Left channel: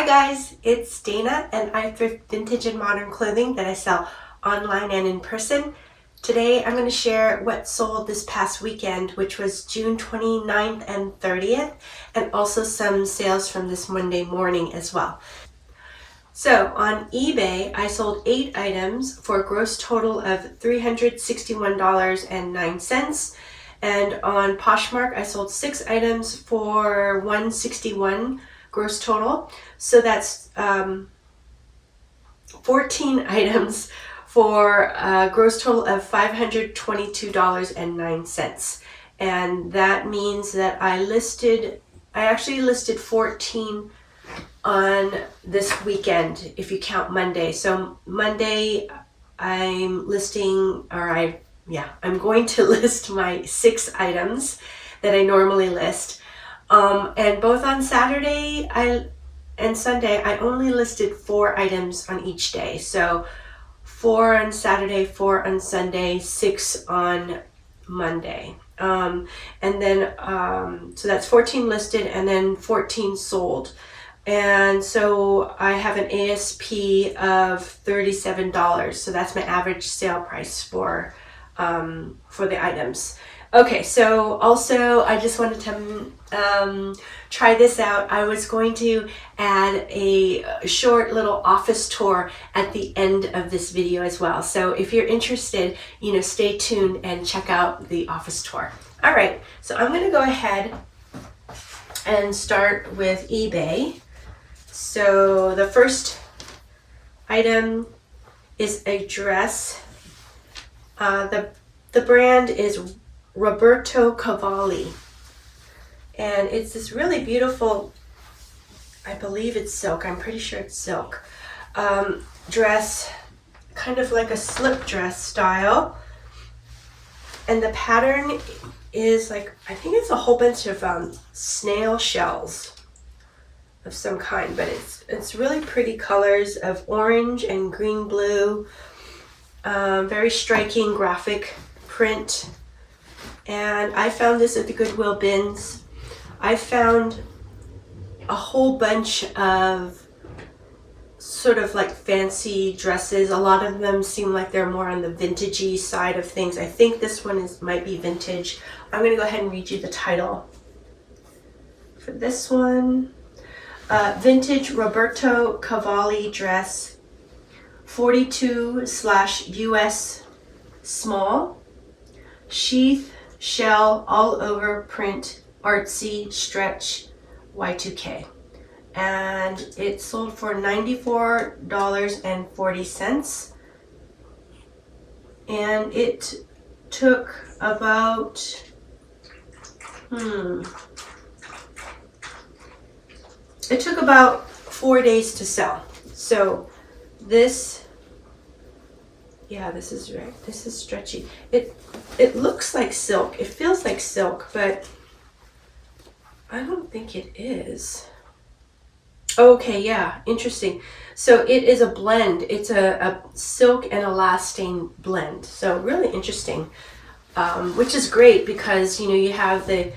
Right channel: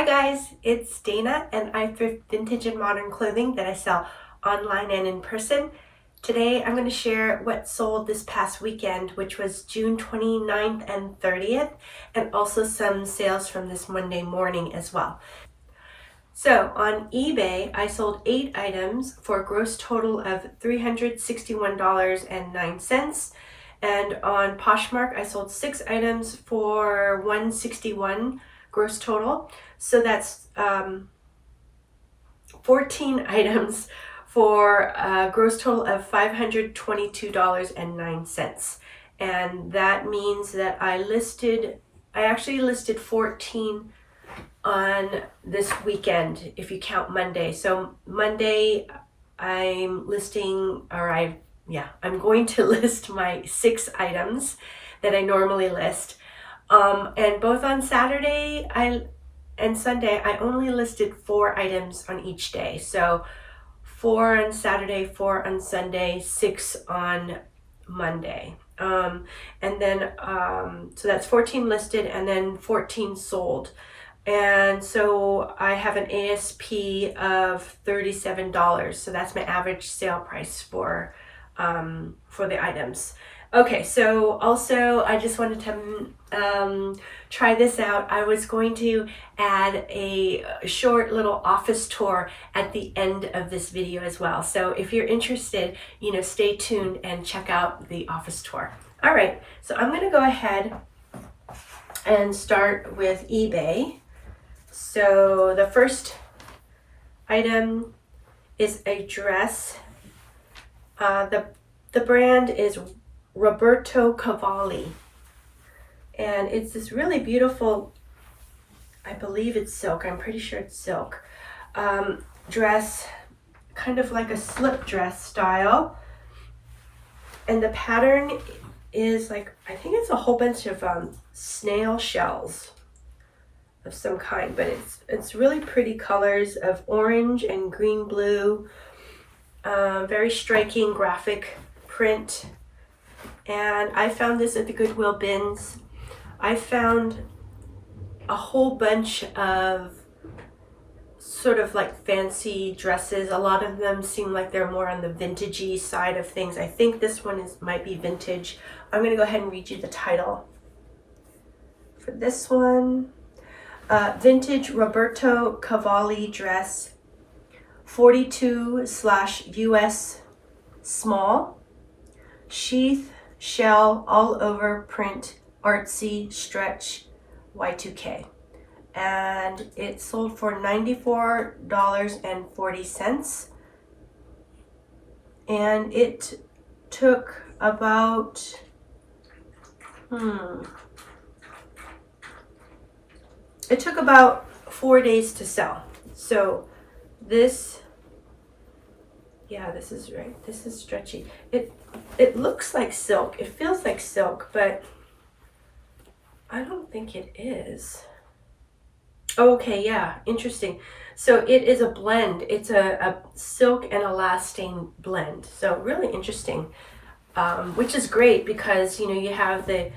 Hi guys, it's Dana and I thrift vintage and modern clothing that I sell online and in person. Today I'm going to share what sold this past weekend, which was June 29th and 30th, and also some sales from this Monday morning as well. So on eBay, I sold 8 items for a gross total of $361.09. And on Poshmark, I sold 6 items for $161 gross total. So that's 14 items for a gross total of $522.09. And that means that I actually listed 14 on this weekend if you count Monday. So Monday I'm going to list my 6 items that I normally list. And both on Saturday and Sunday, I only listed 4 items on each day. So 4 on Saturday, 4 on Sunday, 6 on Monday. So that's 14 listed and then 14 sold. And so I have an ASP of $37. So that's my average sale price for the items. Okay, so also I just wanted to try this out. I was going to add a short little office tour at the end of this video as well. So if you're interested, stay tuned and check out the office tour. All right, so I'm going to go ahead and start with eBay. So the first item is a dress. The brand is Roberto Cavalli, and it's this really beautiful, I believe it's silk, I'm pretty sure it's silk, dress, kind of like a slip dress style. And the pattern is like, I think it's a whole bunch of snail shells of some kind, but it's really pretty colors of orange and green blue, very striking graphic print. And I found this at the Goodwill bins. I found a whole bunch of sort of like fancy dresses. A lot of them seem like they're more on the vintagey side of things. I think this one might be vintage. I'm going to go ahead and read you the title for this one. Vintage Roberto Cavalli dress, 42/US small, sheath, shell, all over print, artsy, stretch, Y2K. And it sold for $94.40. And it took about, it took about 4 days to sell. So this is right. This is stretchy. It looks like silk. It feels like silk, but I don't think it is. Okay, yeah, interesting. So it is a blend. It's a silk and elastane blend. So really interesting, which is great because, you have the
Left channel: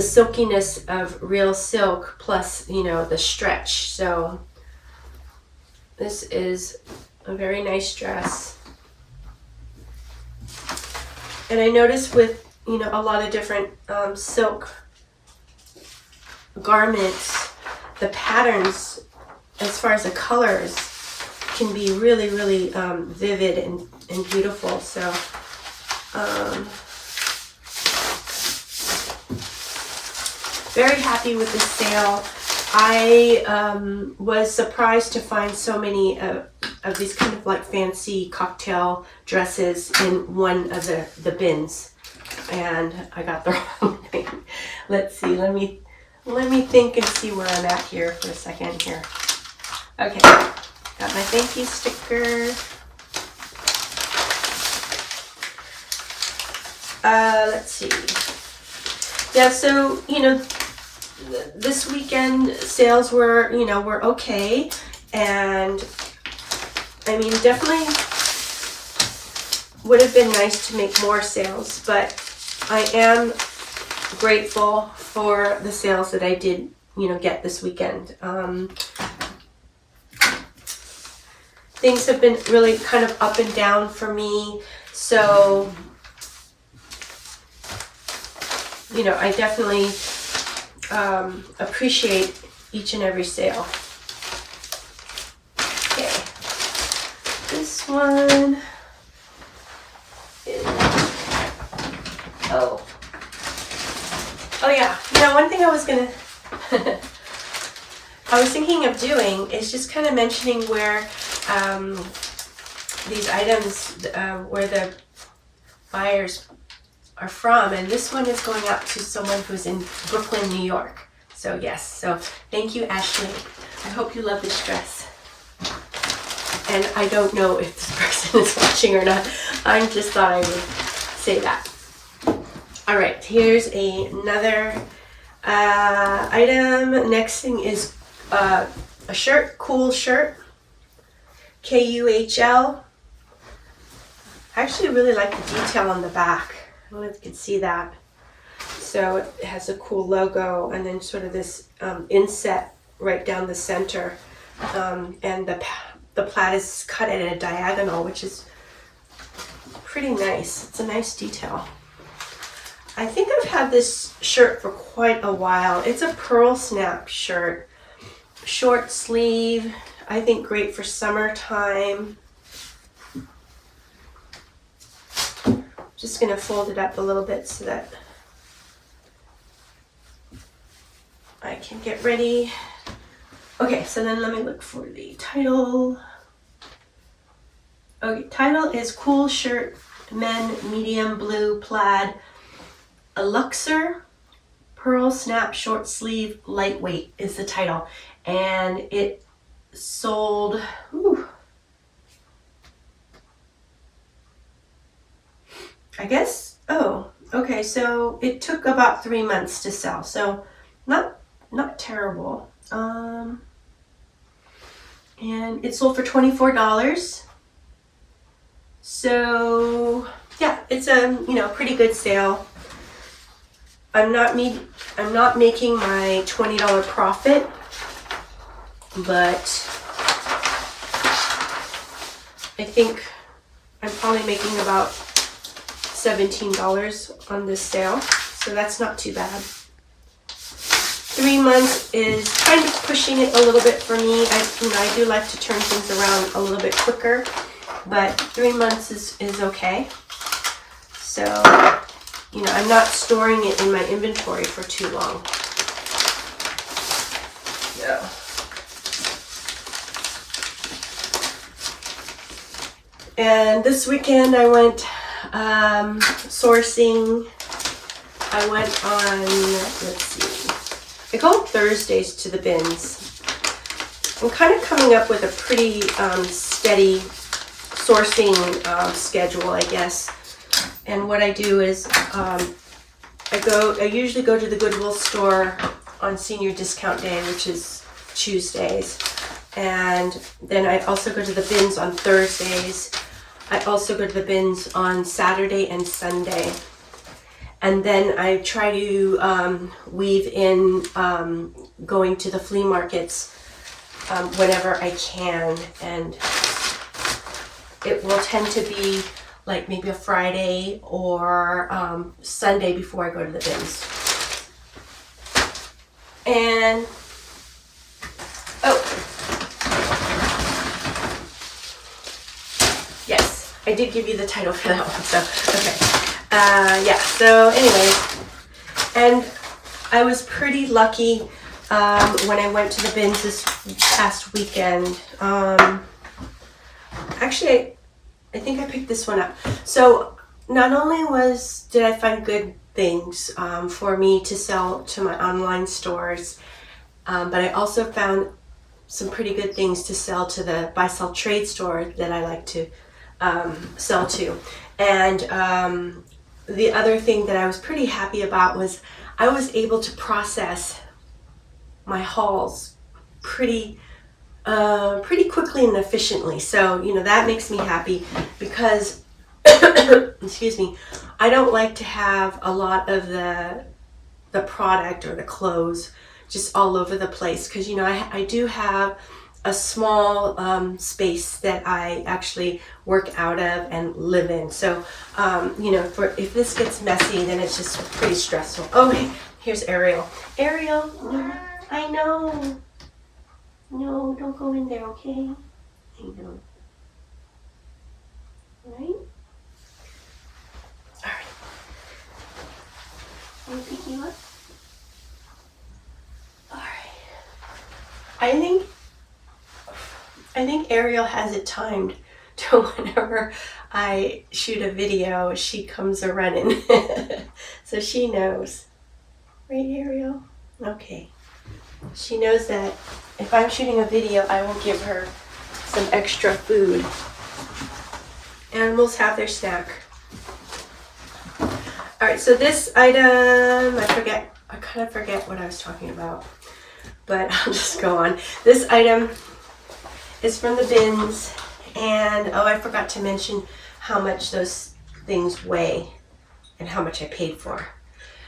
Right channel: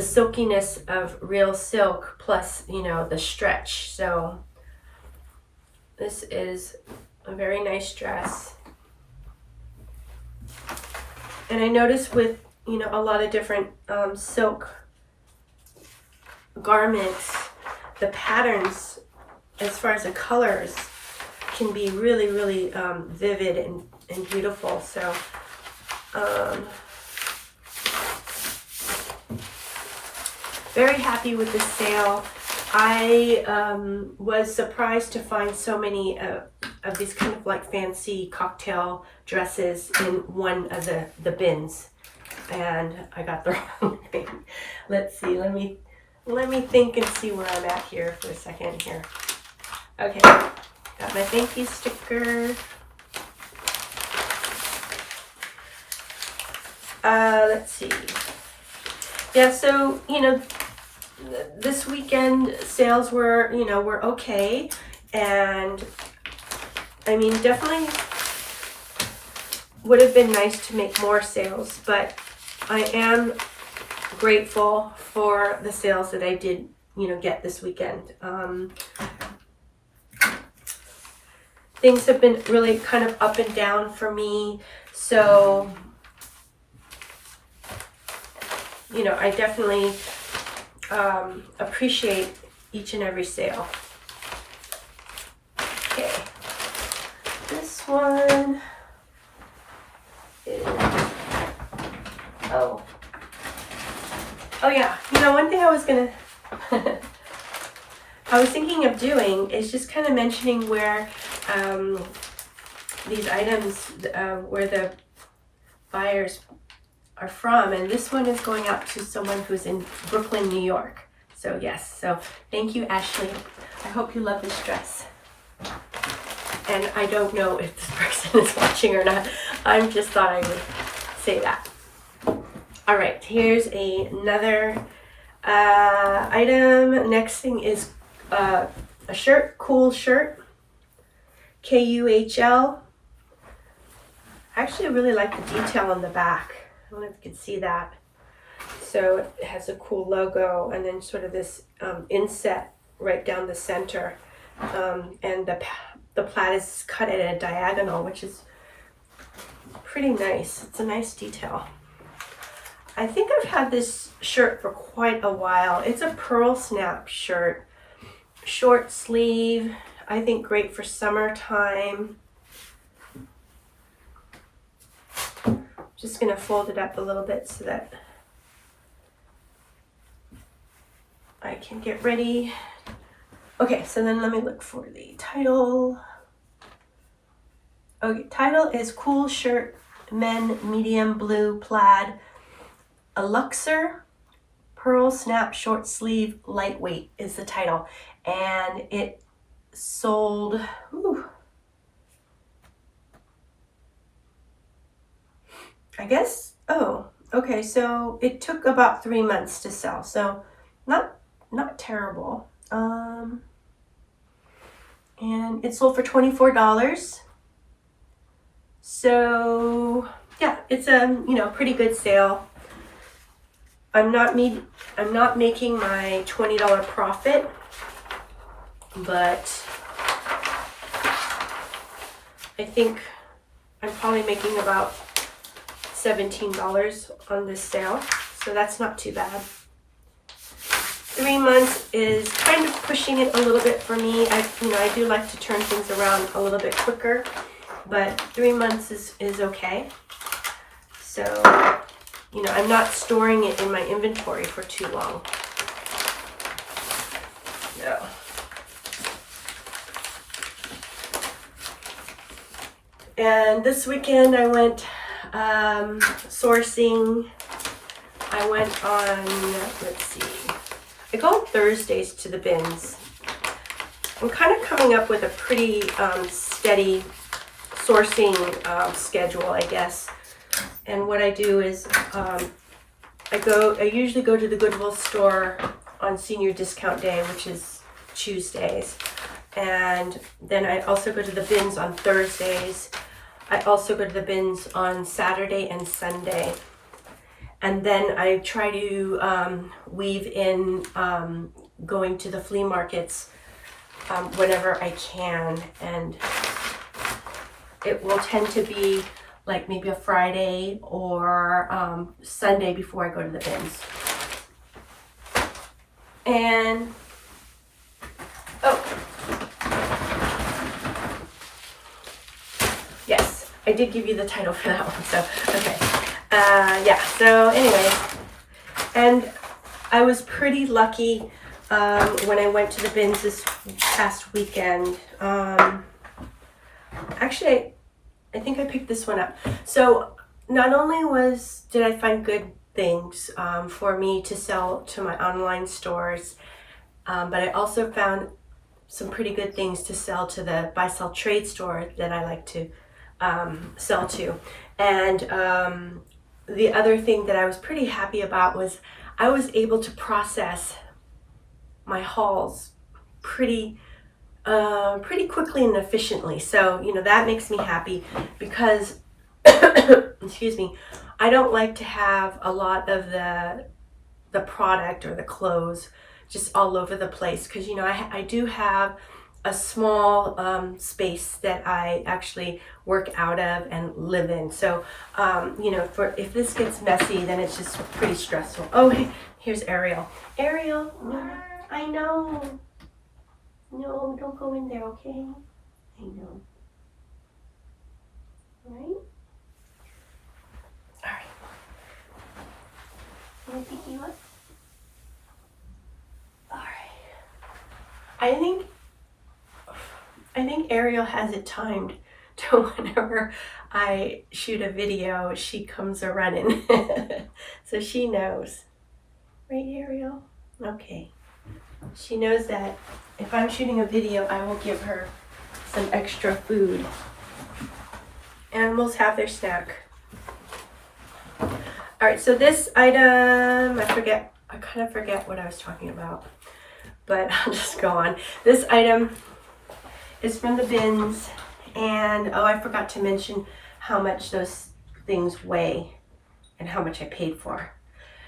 silkiness of real silk plus, the stretch. So this is a very nice dress. And I noticed with, a lot of different silk garments, the patterns as far as the colors can be really, really vivid and beautiful. So very happy with this sale. I was surprised to find so many of these kind of like fancy cocktail dresses in one of the bins, and I got the wrong thing. Let's see. Let me think and see where I'm at here for a second here. Okay, got my thank you sticker. Let's see. Yeah, so this weekend sales were were okay, and I mean definitely would have been nice to make more sales, but I am grateful for the sales that I did get this weekend. Things have been really kind of up and down for me, so I definitely appreciate each and every sale. Okay, this one is, oh yeah, one thing I was thinking of doing is just kind of mentioning where these items, where the buyers are from, and this one is going out to someone who's in Brooklyn, New York. So yes, so thank you, Ashley. I hope you love this dress. And I don't know if this person is watching or not. I just thought I would say that. All right, here's another item. Next thing is a shirt, cool shirt, KUHL. I actually really like the detail on the back. I don't know if you can see that. So it has a cool logo, and then sort of this inset right down the center, and the plaid is cut at a diagonal, which is pretty nice. It's a nice detail. I think I've had this shirt for quite a while. It's a pearl snap shirt, short sleeve. I think great for summertime. Just gonna fold it up a little bit so that I can get ready. Okay, so then let me look for the title. Okay, title is Cool Shirt, Men, Medium Blue Plaid, a Luxor, Pearl Snap Short Sleeve, Lightweight is the title. And it sold, I guess, okay, so it took about 3 months to sell, so not terrible. And it sold for $24. So yeah, it's a pretty good sale. I'm not making my $20 profit, but I think I'm probably making about $17 on this sale, so that's not too bad. 3 months is kind of pushing it a little bit for me. I do like to turn things around a little bit quicker, but 3 months is okay. So, I'm not storing it in my inventory for too long. Yeah. And this weekend I went sourcing. I went on, let's see, I go on Thursdays to the bins. I'm kind of coming up with a pretty steady sourcing schedule, I guess. And what I do is I usually go to the Goodwill store on senior discount day, which is Tuesdays. And then I also go to the bins on Thursdays. I also go to the bins on Saturday and Sunday. And then I try to weave in going to the flea markets whenever I can. And it will tend to be like maybe a Friday or Sunday before I go to the bins. And, yes, I did give you the title for that one, so, okay. Yeah, so anyways, and I was pretty lucky when I went to the bins this past weekend. Actually, I think I picked this one up. So not only did I find good things for me to sell to my online stores, but I also found some pretty good things to sell to the buy sell trade store that I like to sell to. And the other thing that I was pretty happy about was I was able to process my hauls pretty quickly and efficiently. So, that makes me happy because, excuse me, I don't like to have a lot of the product or the clothes just all over the place, because you know I do have a small space that I actually work out of and live in. So you know, if this gets messy, then it's just pretty stressful. Oh, here's Ariel. Ariel, no, I know. No, don't go in there, okay? I know. Right? All right. Can I pick you up? All right. I think Ariel has it timed to whenever I shoot a video, she comes a running. So she knows. Right, Ariel? Okay. She knows that if I'm shooting a video, I will give her some extra food. Animals have their snack. All right, so this item, I kind of forget what I was talking about, but I'll just go on. This item is from the bins, and oh, I forgot to mention how much those things weigh and how much I paid for.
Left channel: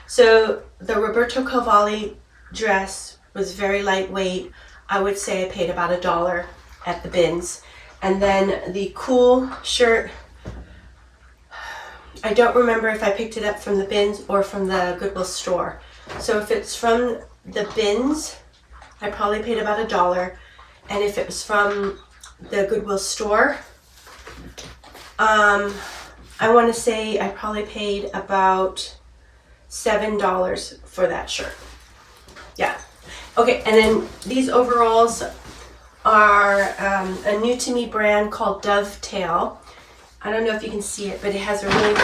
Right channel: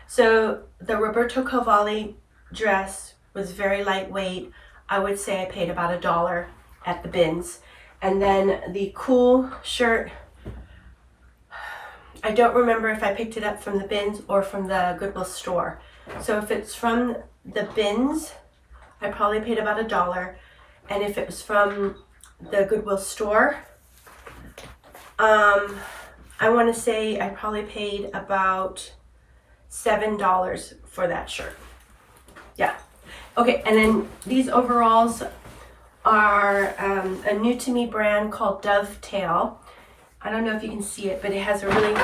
So the Roberto Cavalli dress was very lightweight. I would say I paid about $1 at the bins. And then the cool shirt, I don't remember if I picked it up from the bins or from the Goodwill store. So if it's from the bins, I probably paid about $1. And if it was from the Goodwill store, I want to say I probably paid about $7 for that shirt. Yeah. Okay, and then these overalls are a new to me brand called Dovetail. I don't know if you can see it, but it has a really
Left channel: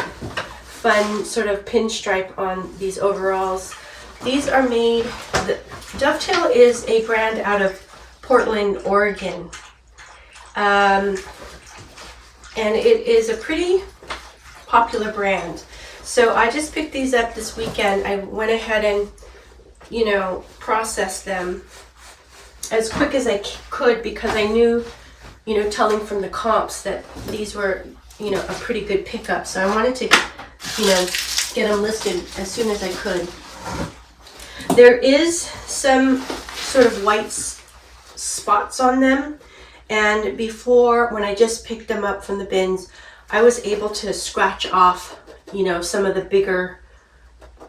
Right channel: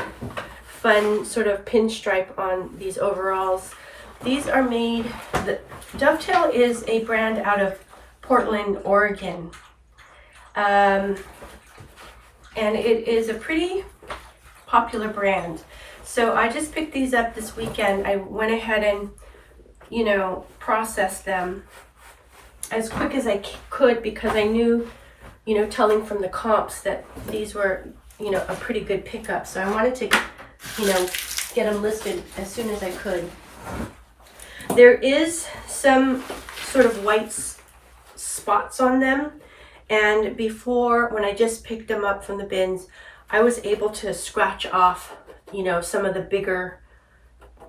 fun sort of pinstripe on these overalls. These are made, Dovetail is a brand out of Portland, Oregon. And it is a pretty popular brand. So I just picked these up this weekend. I went ahead and, you know, processed them as quick as I could, because I knew, you know, telling from the comps that these were, you know, a pretty good pickup. So I wanted to, you know, get them listed as soon as I could. There is some sort of white spots on them. And before, when I just picked them up from the bins, I was able to scratch off, you know, some of the bigger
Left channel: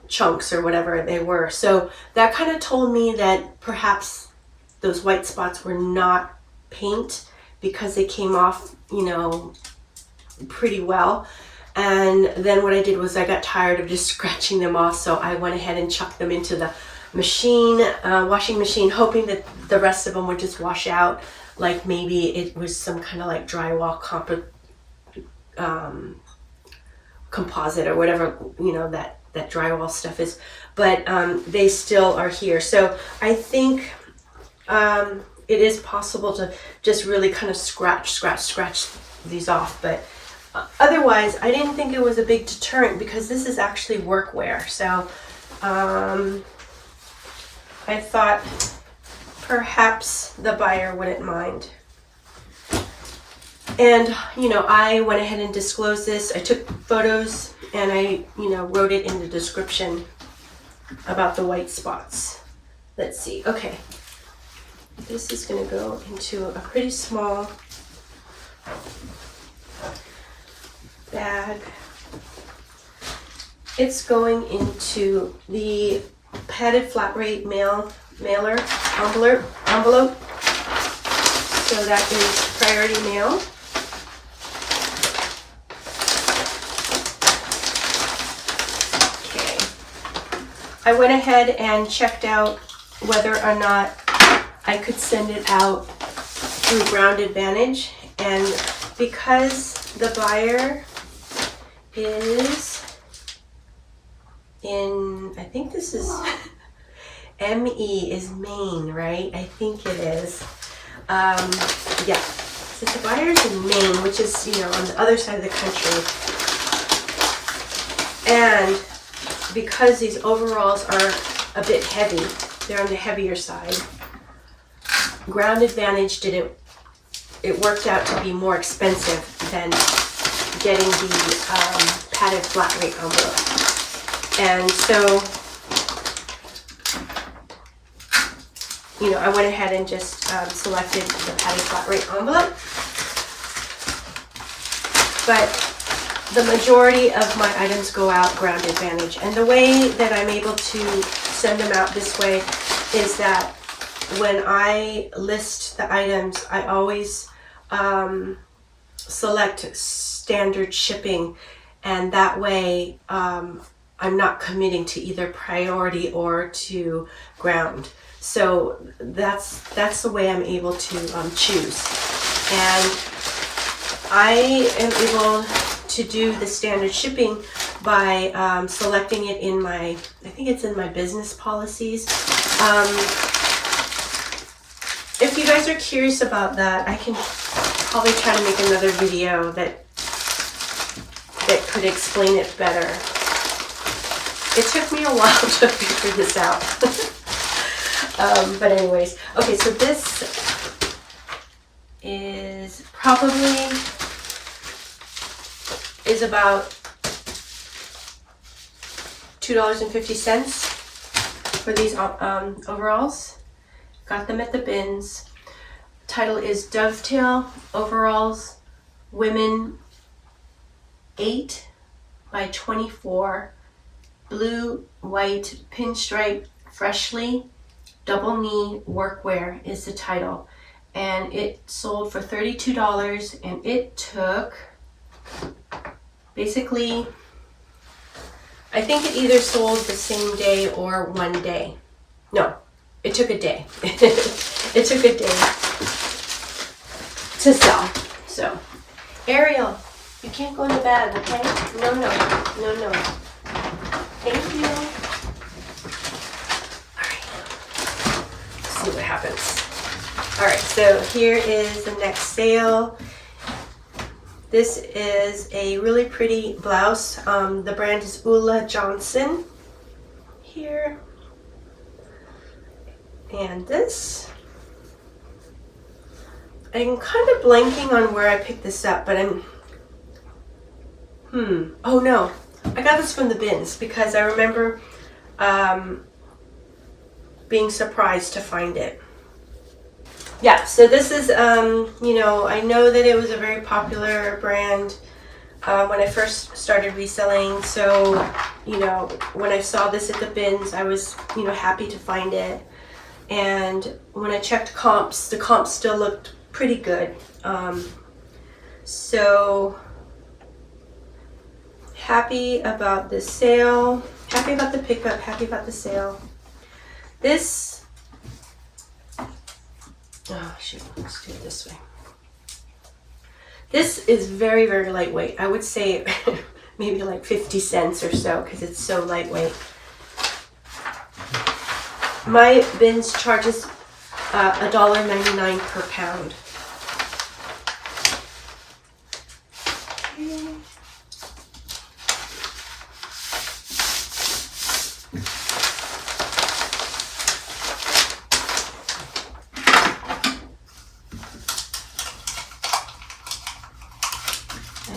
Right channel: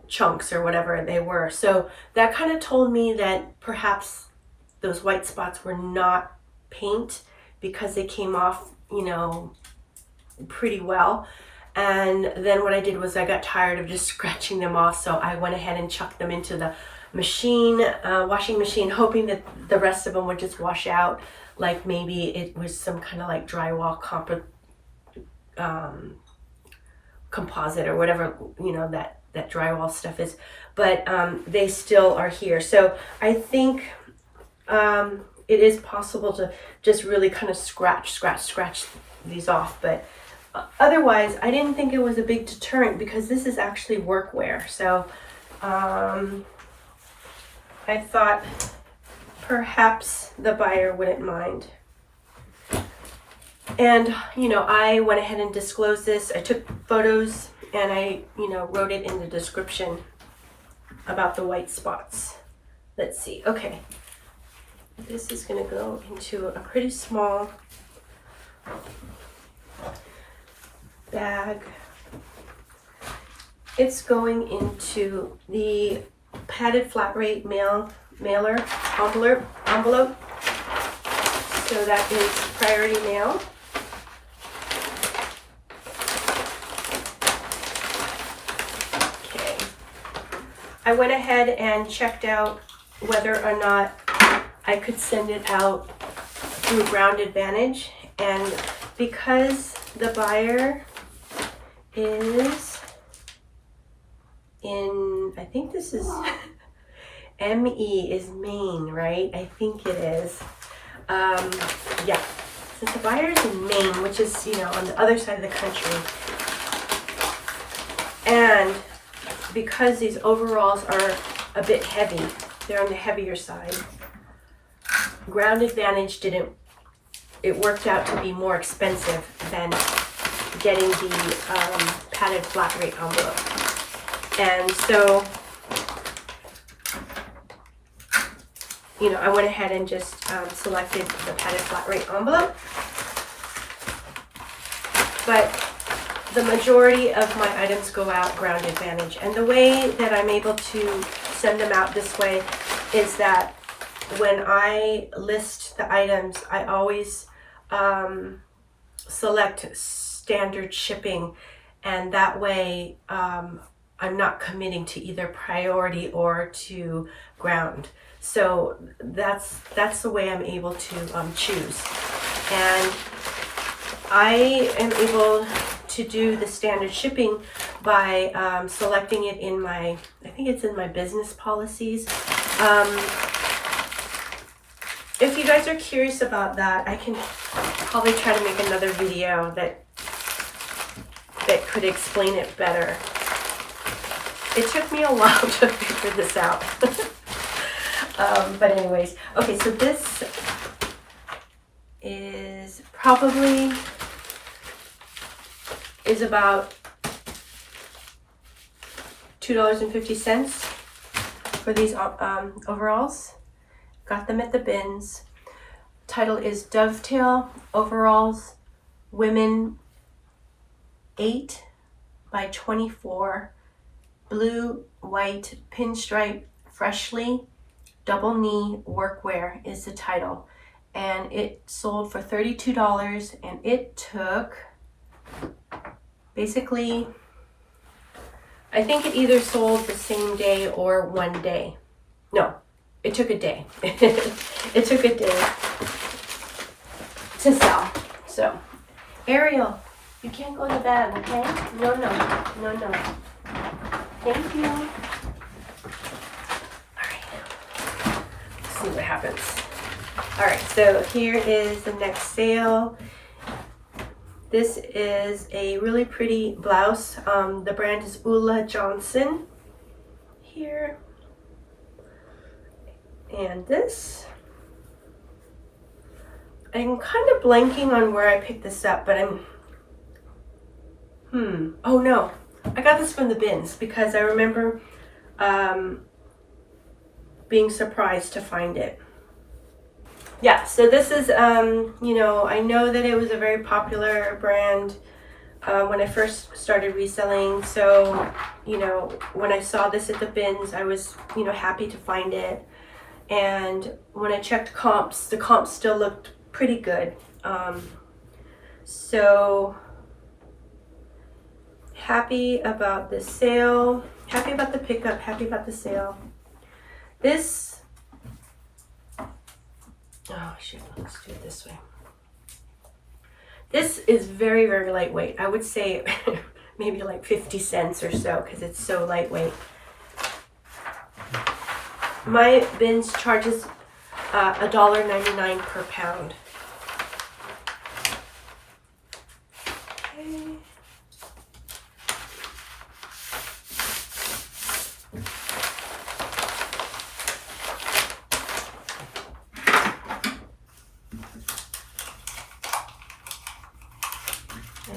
chunks or whatever they were. So that kind of told me that perhaps those white spots were not paint, because they came off, you know, pretty well. And then what I did was I got tired of just scratching them off, so I went ahead and chucked them into the machine, washing machine, hoping that the rest of them would just wash out, like maybe it was some kind of like drywall composite or whatever, you know, that drywall stuff is. But they still are here. So I think it is possible to just really kind of scratch these off. But otherwise, I didn't think it was a big deterrent, because this is actually workwear. So I thought perhaps the buyer wouldn't mind. And, you know, I went ahead and disclosed this. I took photos and I, you know, wrote it in the description about the white spots. Let's see. Okay. This is going to go into a pretty small bag. It's going into the padded flat rate mailer envelope. So that is priority mail. Okay. I went ahead and checked out whether or not I could send it out through Ground Advantage, and because the buyer is in, I think this is ME is Maine, right? I think it is. Yeah, since the buyer is in Maine, which is, you know, on the other side of the country, and because these overalls are a bit heavy, they're on the heavier side, Ground Advantage it worked out to be more expensive than getting the padded flat rate envelope. And so you know, I went ahead and just selected the padded flat rate envelope. But the majority of my items go out ground advantage. And the way that I'm able to send them out this way is that when I list the items, I always select standard shipping, and that way I'm not committing to either priority or to ground. So that's the way I'm able to choose. And I am able to do the standard shipping by selecting it in my, I think it's in my business policies. If you guys are curious about that, I can probably try to make another video that could explain it better. It took me a while to figure this out. But anyways, okay, so this is probably about $2.50 for these overalls. Got them at the bins. Title is Dovetail Overalls Women 8 by 24 blue white pinstripe freshly double knee workwear is the title, and it sold for $32, and it took basically, I think it either sold the same day or one day. No, it took a day. It took a day to sell. So, Ariel, you can't go in the bag, okay? No. Thank you. All right. Let's see what happens. All right, so here is the next sale. This is a really pretty blouse. The brand is Ulla Johnson here. And this, I'm kind of blanking on where I picked this up, but oh no, I got this from the bins because I remember being surprised to find it. Yeah, so this is, you know, I know that it was a very popular brand when I first started reselling. So, you know, when I saw this at the bins, I was, you know, happy to find it. And when I checked comps, the comps still looked pretty good. So happy about this sale, happy about the pickup, happy about the sale. This, oh shoot, let's do it this way. This is very, very lightweight. I would say maybe like 50 cents or so because it's so lightweight. My bins charges $1.99 per pound. Okay.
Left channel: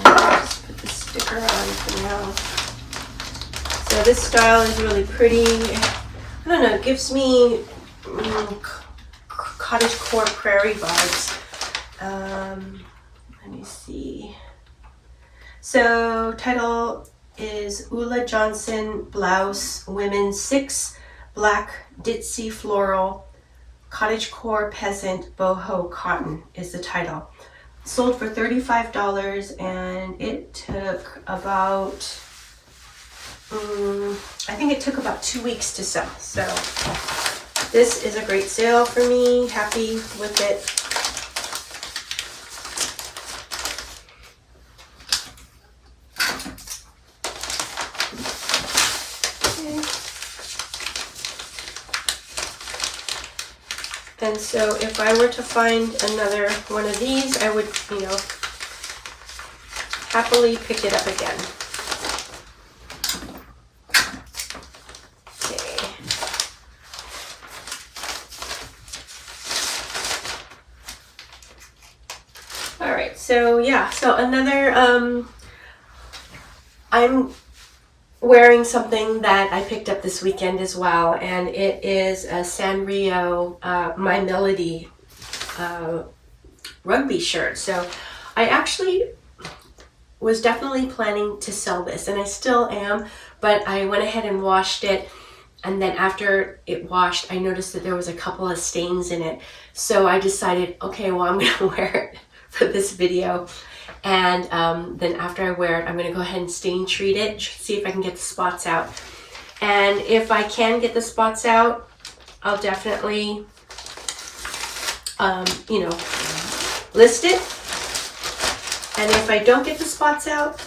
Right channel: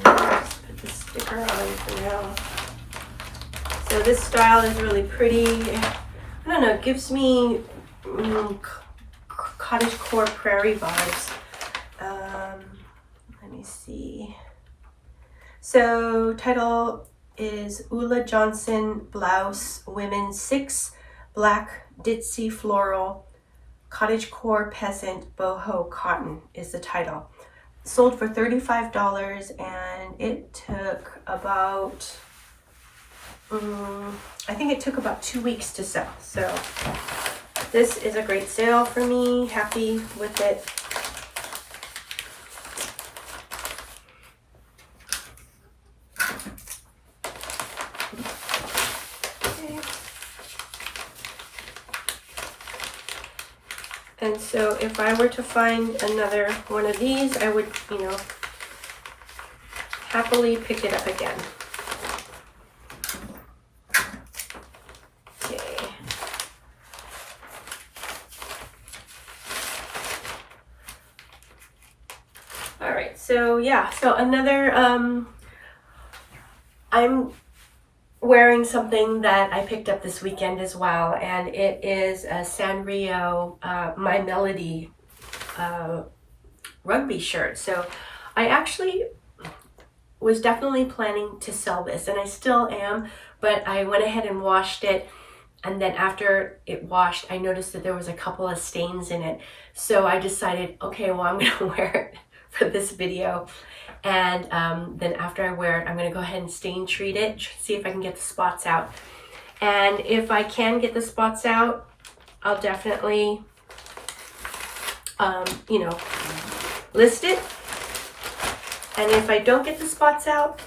Let's put the sticker on for now. So this style is really pretty. I don't know, it gives me cottagecore prairie vibes. Let me see. So title is Ulla Johnson Blouse Women 6 Black Ditzy Floral Cottagecore Peasant Boho Cotton is the title. Sold for $35, and it took about I think it took about 2 weeks to sell. So this is a great sale for me. Happy with it. Okay. And so if I were to find another one of these, I would, you know, happily pick it up again. So yeah, so another, I'm wearing something that I picked up this weekend as well, and it is a Sanrio My Melody rugby shirt. So I actually was definitely planning to sell this, and I still am, but I went ahead and washed it, and then after it washed, I noticed that there was a couple of stains in it. So I decided, okay, well, I'm gonna wear it for this video, and then after I wear it, I'm gonna go ahead and stain treat it, see if I can get the spots out. And if I can get the spots out, I'll definitely, you know, list it. And if I don't get the spots out,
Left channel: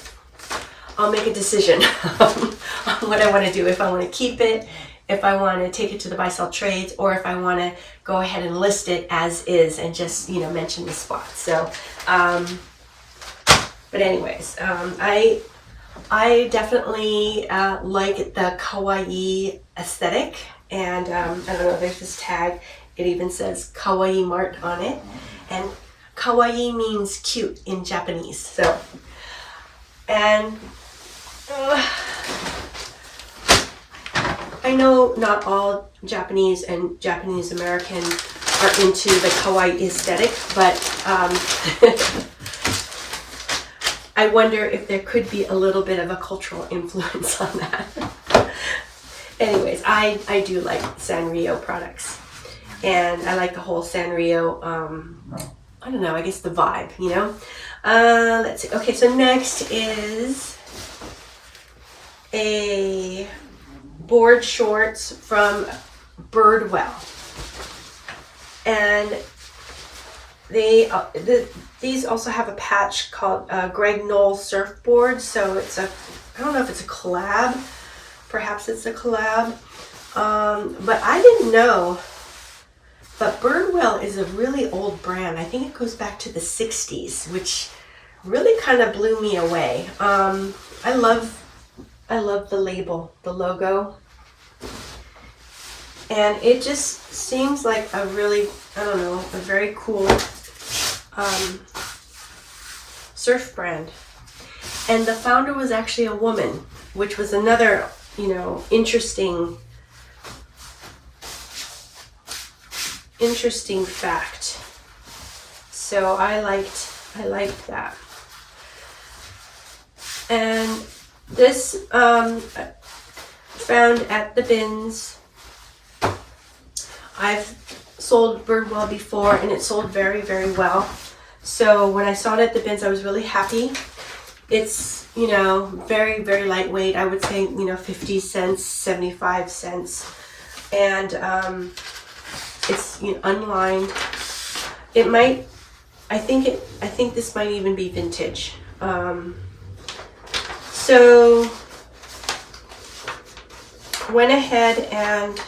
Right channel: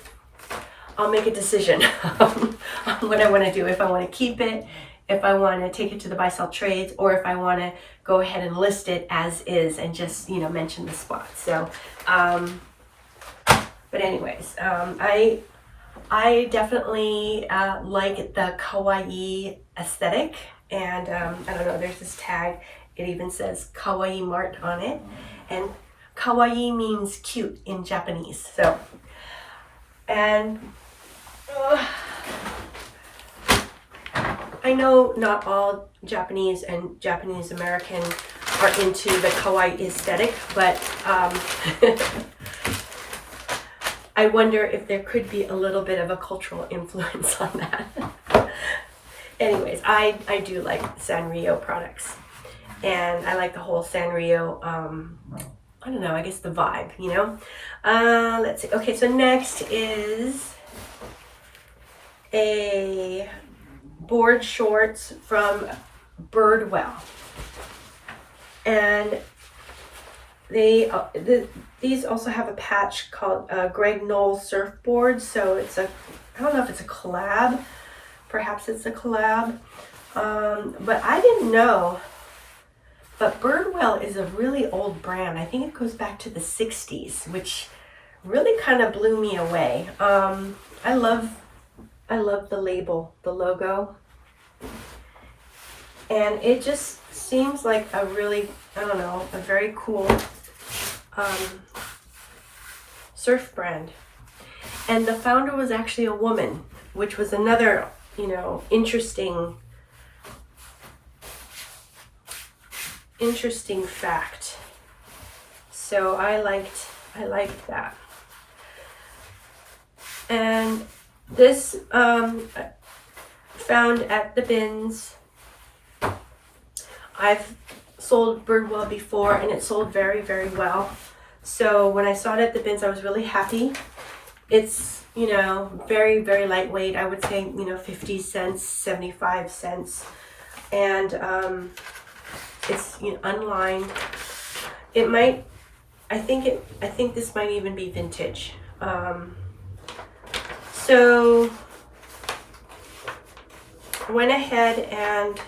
I'll make a decision on what I want to do. If I want to keep it, if I want to take it to the buy sell trades, or if I want to go ahead and list it as is and just, you know, mention the spots. So, but anyways, I definitely like the kawaii aesthetic, and I don't know, there's this tag, it even says Kawaii Mart on it, and kawaii means cute in Japanese. So, and I know not all Japanese and Japanese American are into the kawaii aesthetic, but I wonder if there could be a little bit of a cultural influence on that. Anyways, I do like Sanrio products, and I like the whole Sanrio, I don't know, I guess the vibe, you know? Let's see. Okay, so next is a board shorts from Birdwell. And these also have a patch called Greg Knoll Surfboard. So it's a, I don't know if it's a collab. Perhaps it's a collab. But I didn't know. But Birdwell is a really old brand. I think it goes back to the 60s, which really kind of blew me away. I love the label, the logo. And it just seems like a really, I don't know, a very cool surf brand. And the founder was actually a woman, which was another, you know, interesting fact. So I liked that. And this found at the bins. I've sold Birdwell before, and it sold very, very well. So when I saw it at the bins, I was really happy. It's, you know, very, very lightweight. I would say, you know, 50 cents, 75 cents. And it's, you know, unlined. It might, I think this might even be vintage. So went ahead and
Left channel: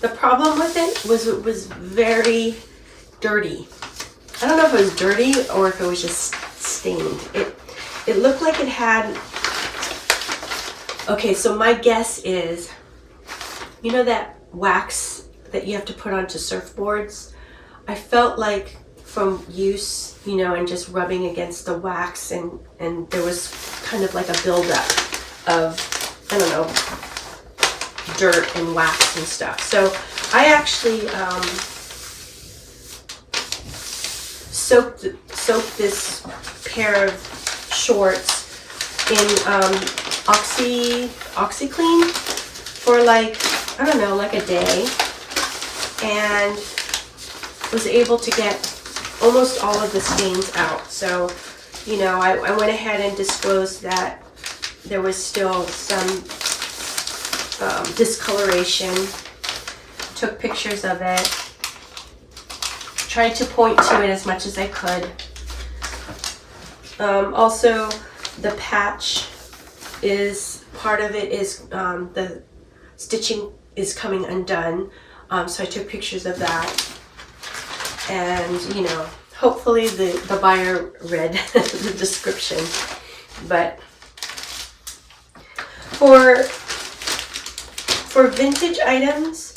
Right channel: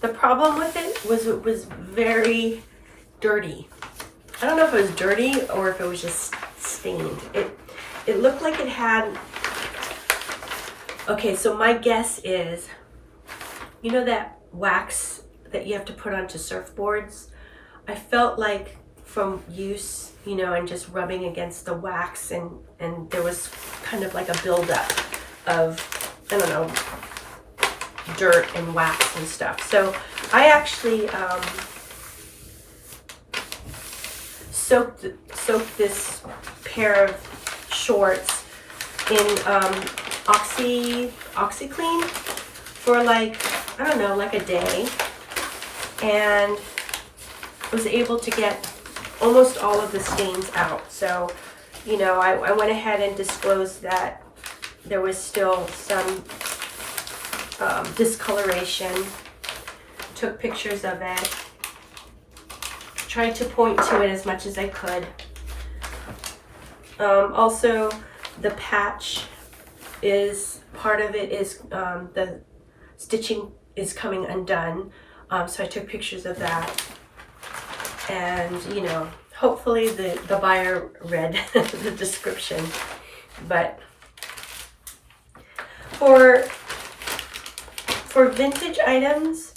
the problem with it was very dirty. I don't know if it was dirty or if it was just stained. It looked like it had, okay, so my guess is, you know that wax that you have to put onto surfboards? I felt like from use, you know, and just rubbing against the wax, and there was kind of like a buildup of, I don't know, dirt and wax and stuff. So I actually soaked this pair of shorts in OxyClean for like, I don't know, like a day, and was able to get almost all of the stains out. So, you know, I went ahead and disclosed that there was still some discoloration, took pictures of it, tried to point to it as much as I could. Also, the patch is, part of it is, the stitching is coming undone, so I took pictures of that. And, you know, hopefully the buyer read the description. But for vintage items,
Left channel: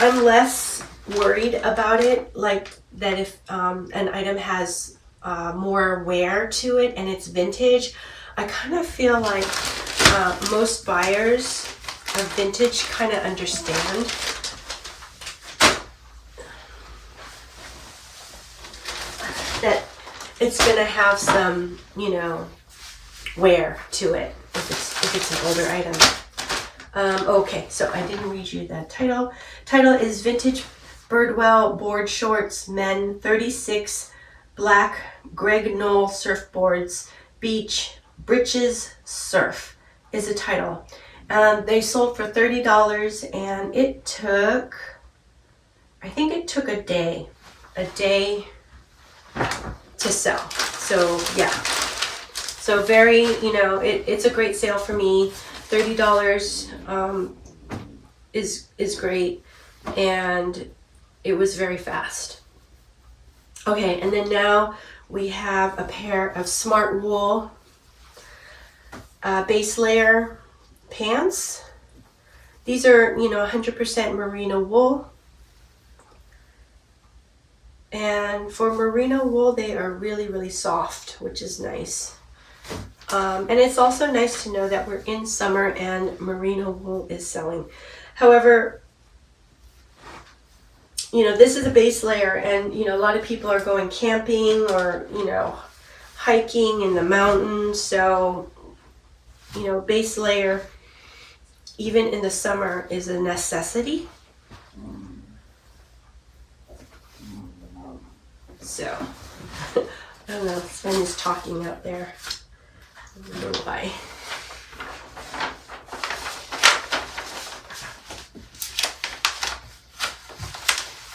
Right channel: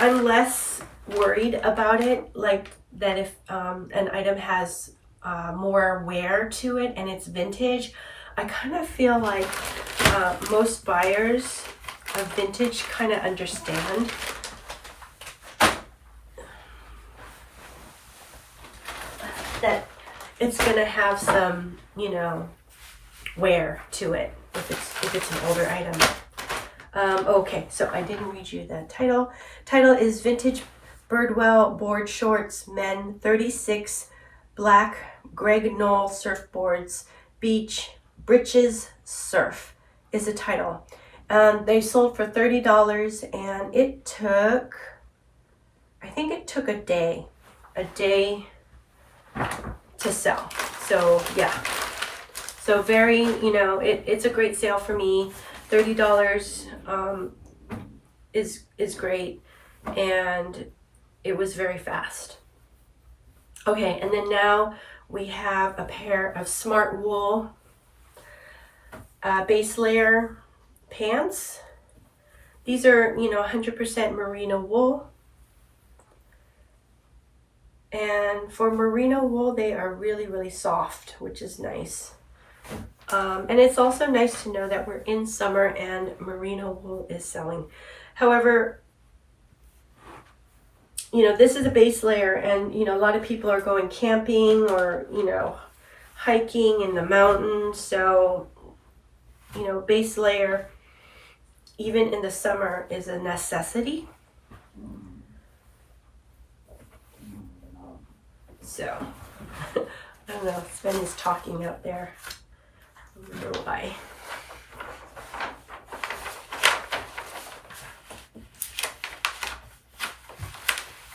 I'm less worried about it, like that if an item has more wear to it, and it's vintage. I kind of feel like most buyers of vintage kind of understand that it's gonna have some, you know, wear to it if it's an older item. Okay, so I didn't read you the title. Title is Vintage Birdwell Board Shorts Men 36 Black Greg Knoll Surfboards Beach Britches Surf is the title. They sold for $30 and it took, I think it took a day to sell. So yeah, so very, you know, it's a great sale for me. $30 is great, and it was very fast. Okay, and then now we have a pair of Smart Wool base layer pants. These are, you know, 100% merino wool. And for merino wool, they are really, really soft, which is nice. And it's also nice to know that we're in summer and merino wool is selling. However, you know, this is a base layer, and, you know, a lot of people are going camping or, you know, hiking in the mountains. So, you know, base layer, even in the summer, is a necessity. So, I don't know, Sven is talking out there. I don't know why.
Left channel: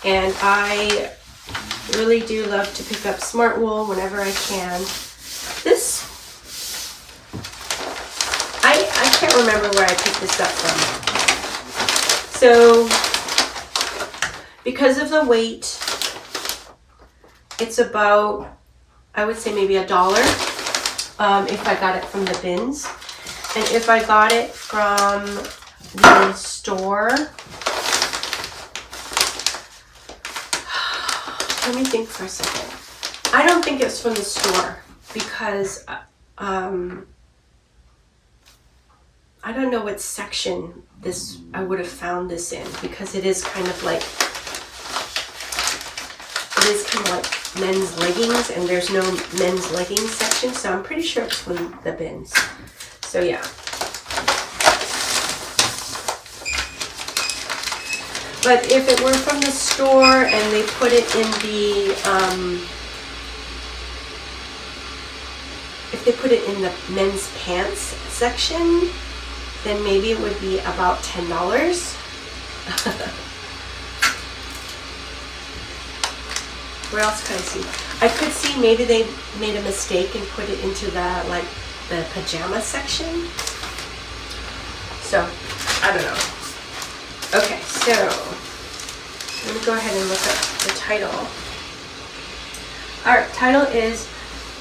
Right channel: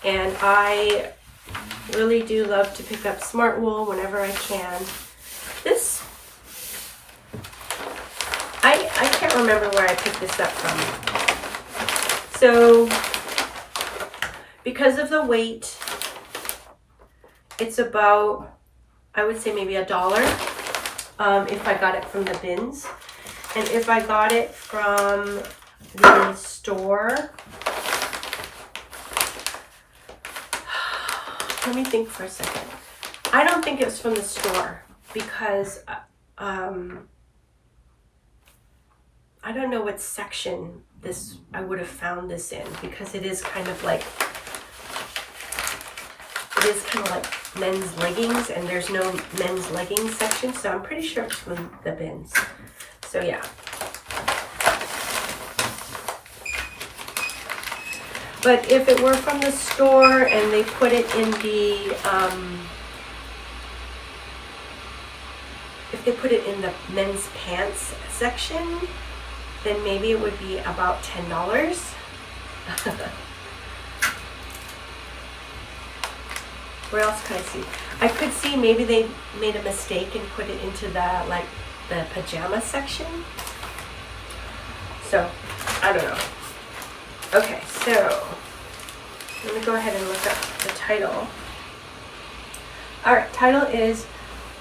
And I really do love to pick up Smart Wool whenever I can. This, I can't remember where I picked this up from. So, because of the weight, it's about, I would say maybe $1 if I got it from the bins. And if I got it from the store, let me think for a second. I don't think it's from the store because I don't know what section this I would have found this in, because it is kind of like men's leggings, and there's no men's leggings section, so I'm pretty sure it's from the bins. So yeah. But if it were from the store and they put it in the, if they put it in the men's pants section, then maybe it would be about $10. Where else could I see? I could see maybe they made a mistake and put it into the, like, the pajama section. So, I don't know. Okay, so let me go ahead and look up the title. Alright, title is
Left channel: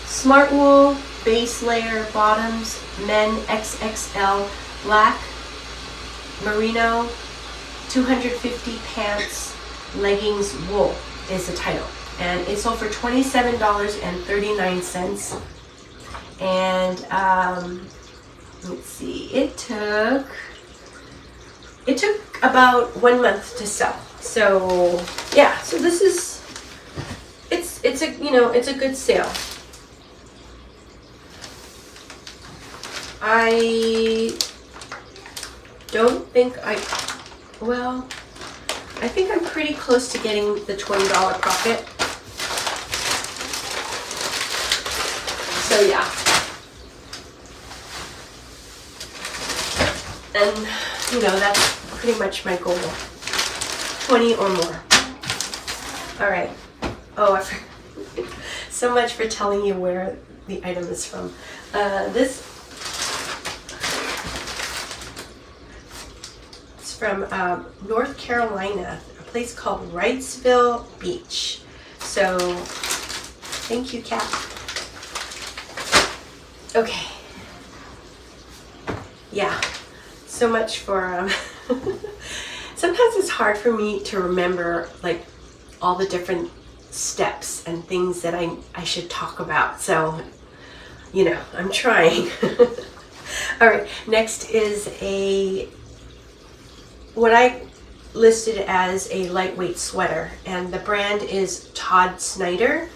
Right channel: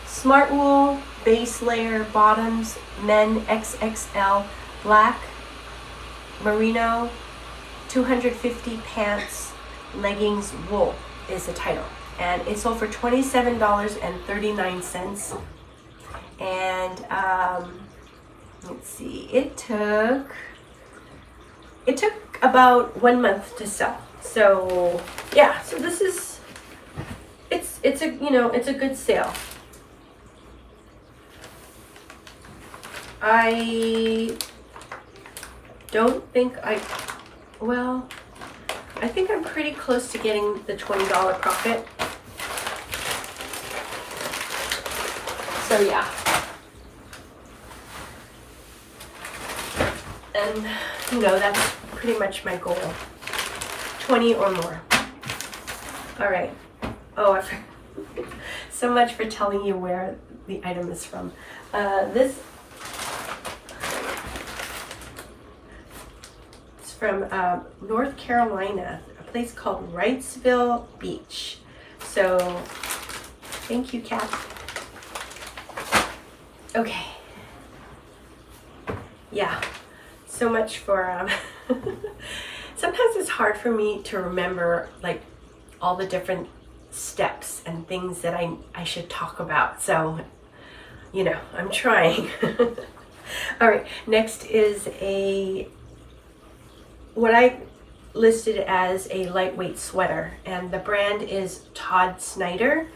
Smart Wool Base Layer Bottoms Men XXL Black Merino 250 Pants Leggings Wool is the title. And it sold for $27.39. And let's see, it took about 1 month to sell. So yeah, so this is, it's a, you know, it's a good sale. I don't think I think I'm pretty close to getting the $20 profit. So yeah. And, you know, that's pretty much my goal. 20 or more. All right. Oh, so much for telling you where the item is from. This is from North Carolina, a place called Wrightsville Beach. So, thank you, Kat. Okay. Yeah. So much for sometimes it's hard for me to remember, like, all the different steps and things that I should talk about. So, you know, I'm trying. All right, next is what I listed as a lightweight sweater, and the brand is Todd Snyder,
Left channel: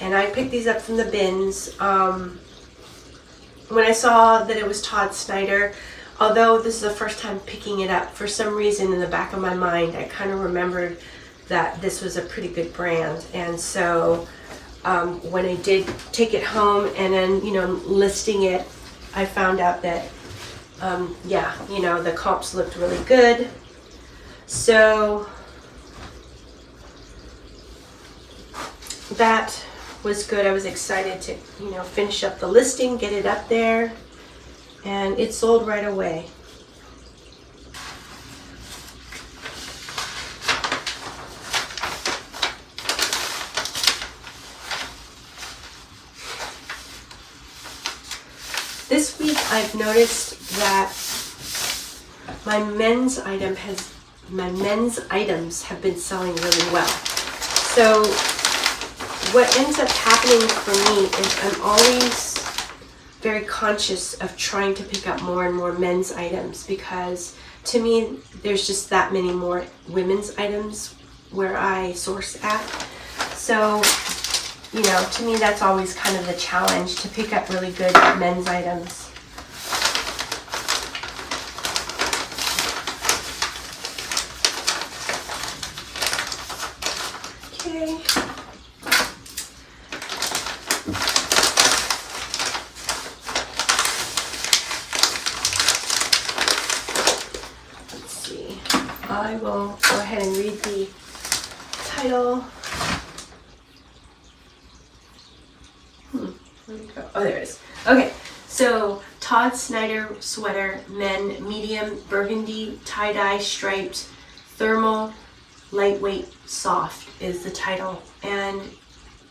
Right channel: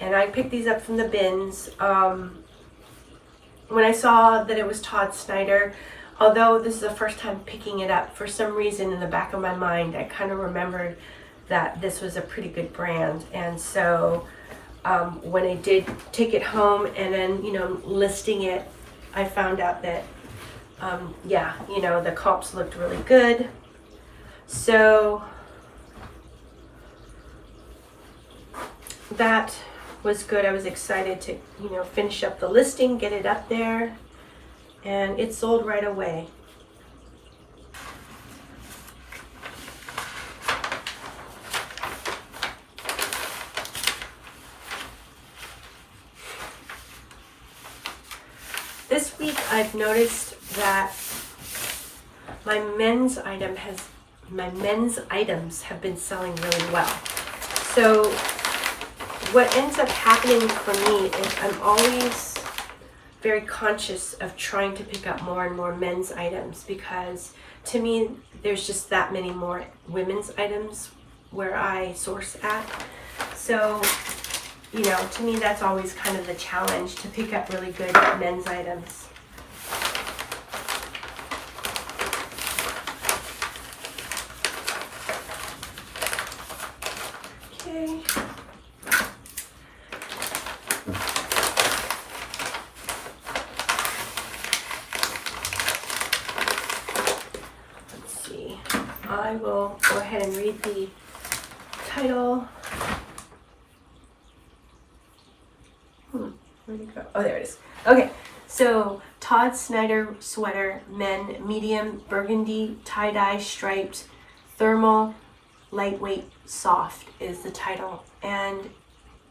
and I picked these up from the bins. When I saw that it was Todd Snyder, although this is the first time picking it up, for some reason in the back of my mind I kind of remembered that this was a pretty good brand. And so when I did take it home and then, you know, listing it, I found out that yeah, you know, the comps looked really good. So that was good. I was excited to, you know, finish up the listing, get it up there, and it sold right away. This week I've noticed that my men's items have been selling really well. So what ends up happening for me is I'm always very conscious of trying to pick up more and more men's items, because to me there's just that many more women's items where I source at. So, you know, to me that's always kind of the challenge, to pick up really good men's items. Okay. Let's see. I will go ahead and read the title. Where'd it go? Oh, there it is. Okay, so Todd Snyder sweater, men, medium, burgundy, tie-dye, striped, thermal, lightweight, soft is the title. And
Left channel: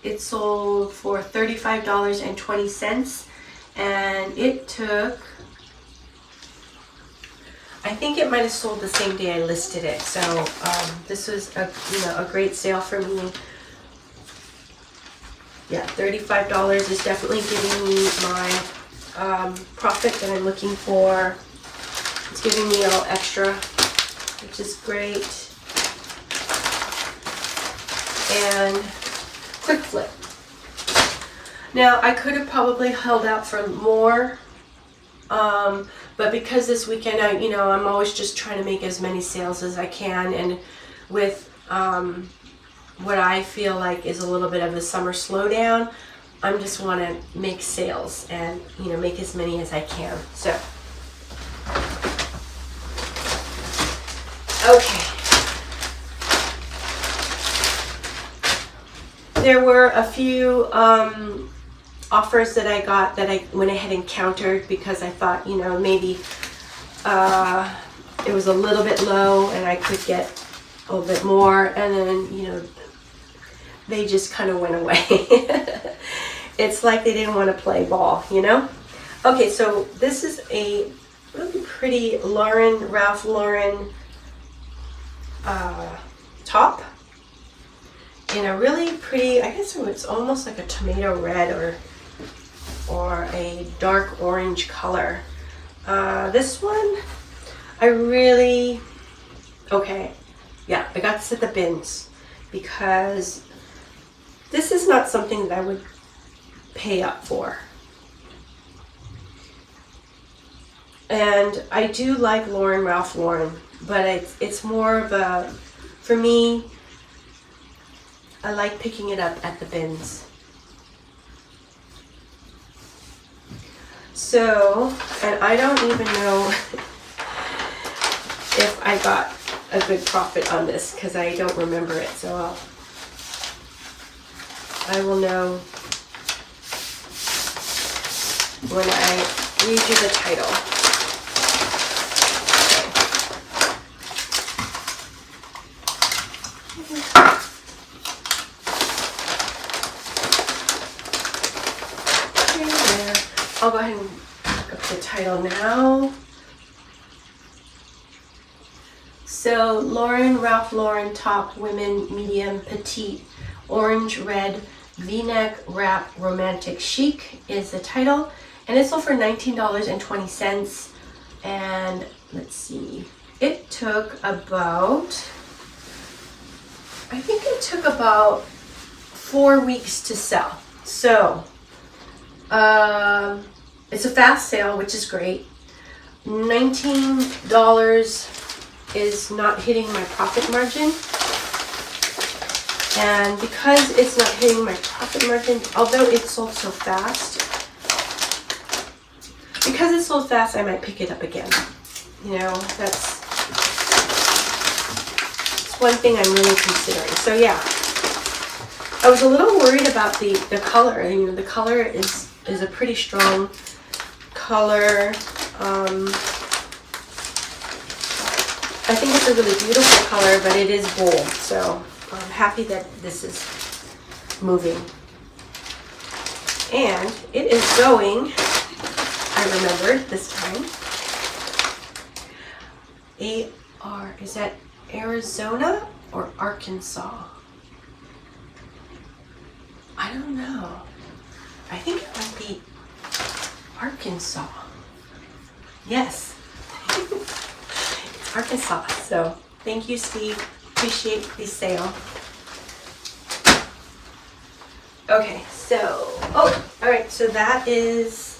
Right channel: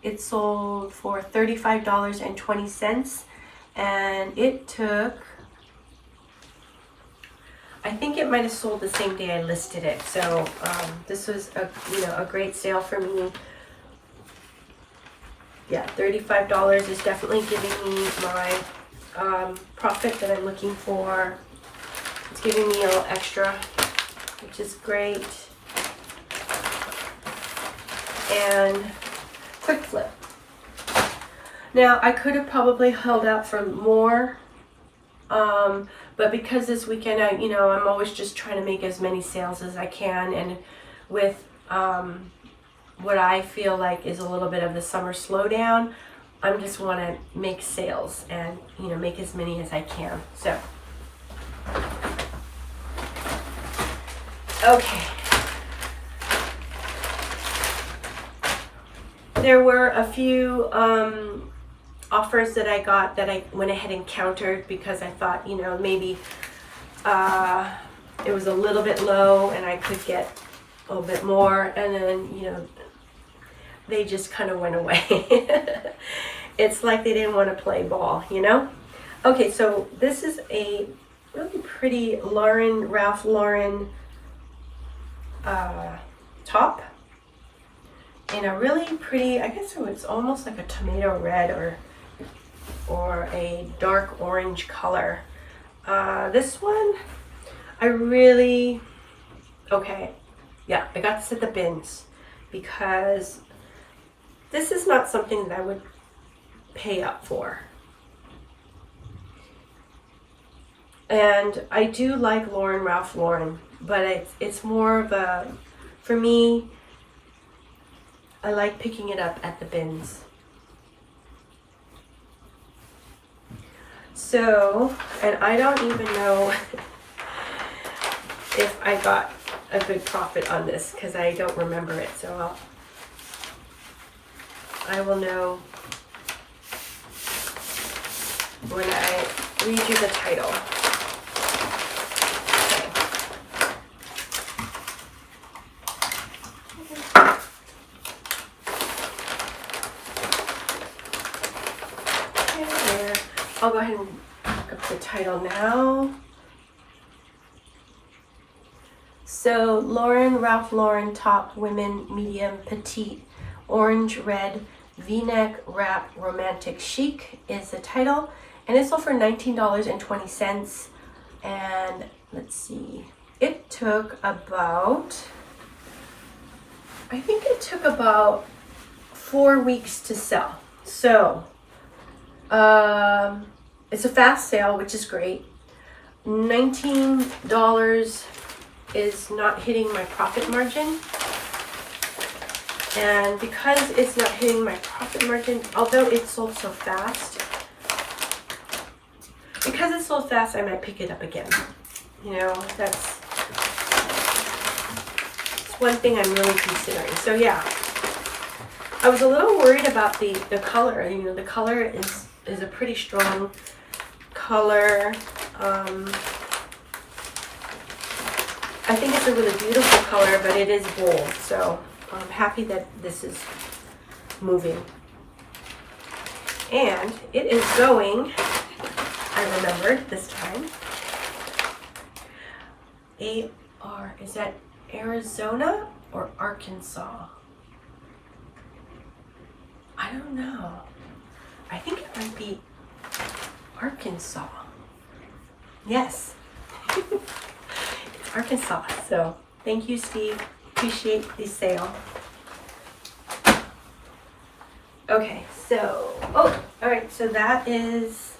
it sold for $35.20. And it took, I think it might have sold the same day I listed it. So this was a great sale for me. Yeah, $35 is definitely giving me my profit that I'm looking for. It's giving me a little extra, which is great. And quick flip. Now I could have probably held out for more, but because this weekend I'm always just trying to make as many sales as I can, and with what I feel like is a little bit of the summer slowdown, I just want to make sales and, you know, make as many as I can. So, okay. There were a few offers that I got that I went ahead and countered, because I thought, you know, maybe it was a little bit low and I could get a little bit more, and then, you know, they just kind of went away. It's like they didn't want to play ball, you know? Okay, so this is a really pretty Ralph Lauren top in a really pretty, I guess it's almost like a tomato red or a dark orange color. This one, okay, yeah, I got this at the bins, because this is not something that I would pay up for. And I do like Ralph Lauren, but it's more of a, for me, I like picking it up at the bins. So, and I don't even know if I got a good profit on this, because I don't remember it, so I will know when I read you the title. Okay, there. I'll go ahead and look up the title now. So, Ralph Lauren top, women, medium, petite, Orange Red V-neck wrap romantic chic is the title, and it sold for $19.20. And let's see, it took about, I think it took about 4 weeks to sell. So it's a fast sale, which is great. $19 is not hitting my profit margin. And because it's not hitting my profit margin, although it sold so fast, because it sold fast, I might pick it up again. You know, that's one thing I'm really considering. So yeah, I was a little worried about the color. You know, the color is a pretty strong color. I think it's a really beautiful color, but it is bold. So I'm happy that this is moving. And it is going, I remember this time, is that Arizona or Arkansas? I don't know. I think it might be Arkansas. Yes. It's Arkansas. So thank you, Steve. Appreciate the sale. Okay, so, all right, so that is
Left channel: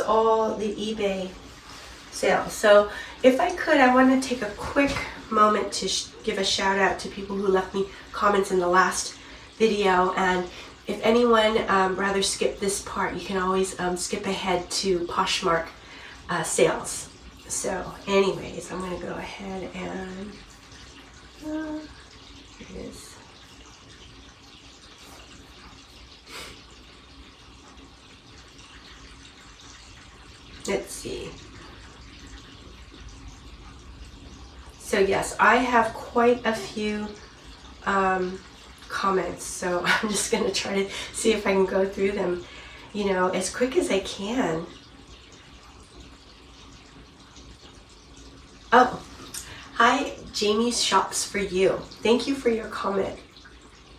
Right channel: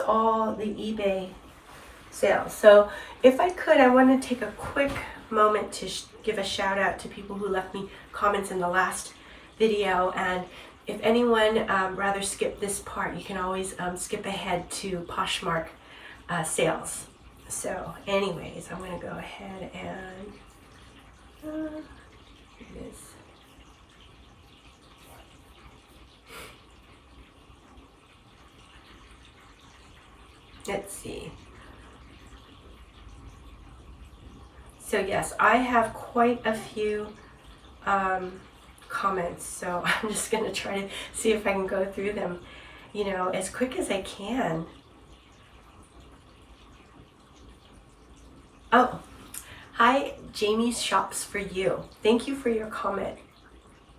all the eBay sales. So if I could, I want to take a quick moment to give a shout out to people who left me comments in the last video. And if anyone rather skip this part, you can always skip ahead to Poshmark sales. So anyways, I'm going to go ahead and here it is. Let's see. So yes, I have quite a few comments, so I'm just going to try to see if I can go through them, you know, as quick as I can. Oh, hi, Jamie's Shops for You. Thank you for your comment.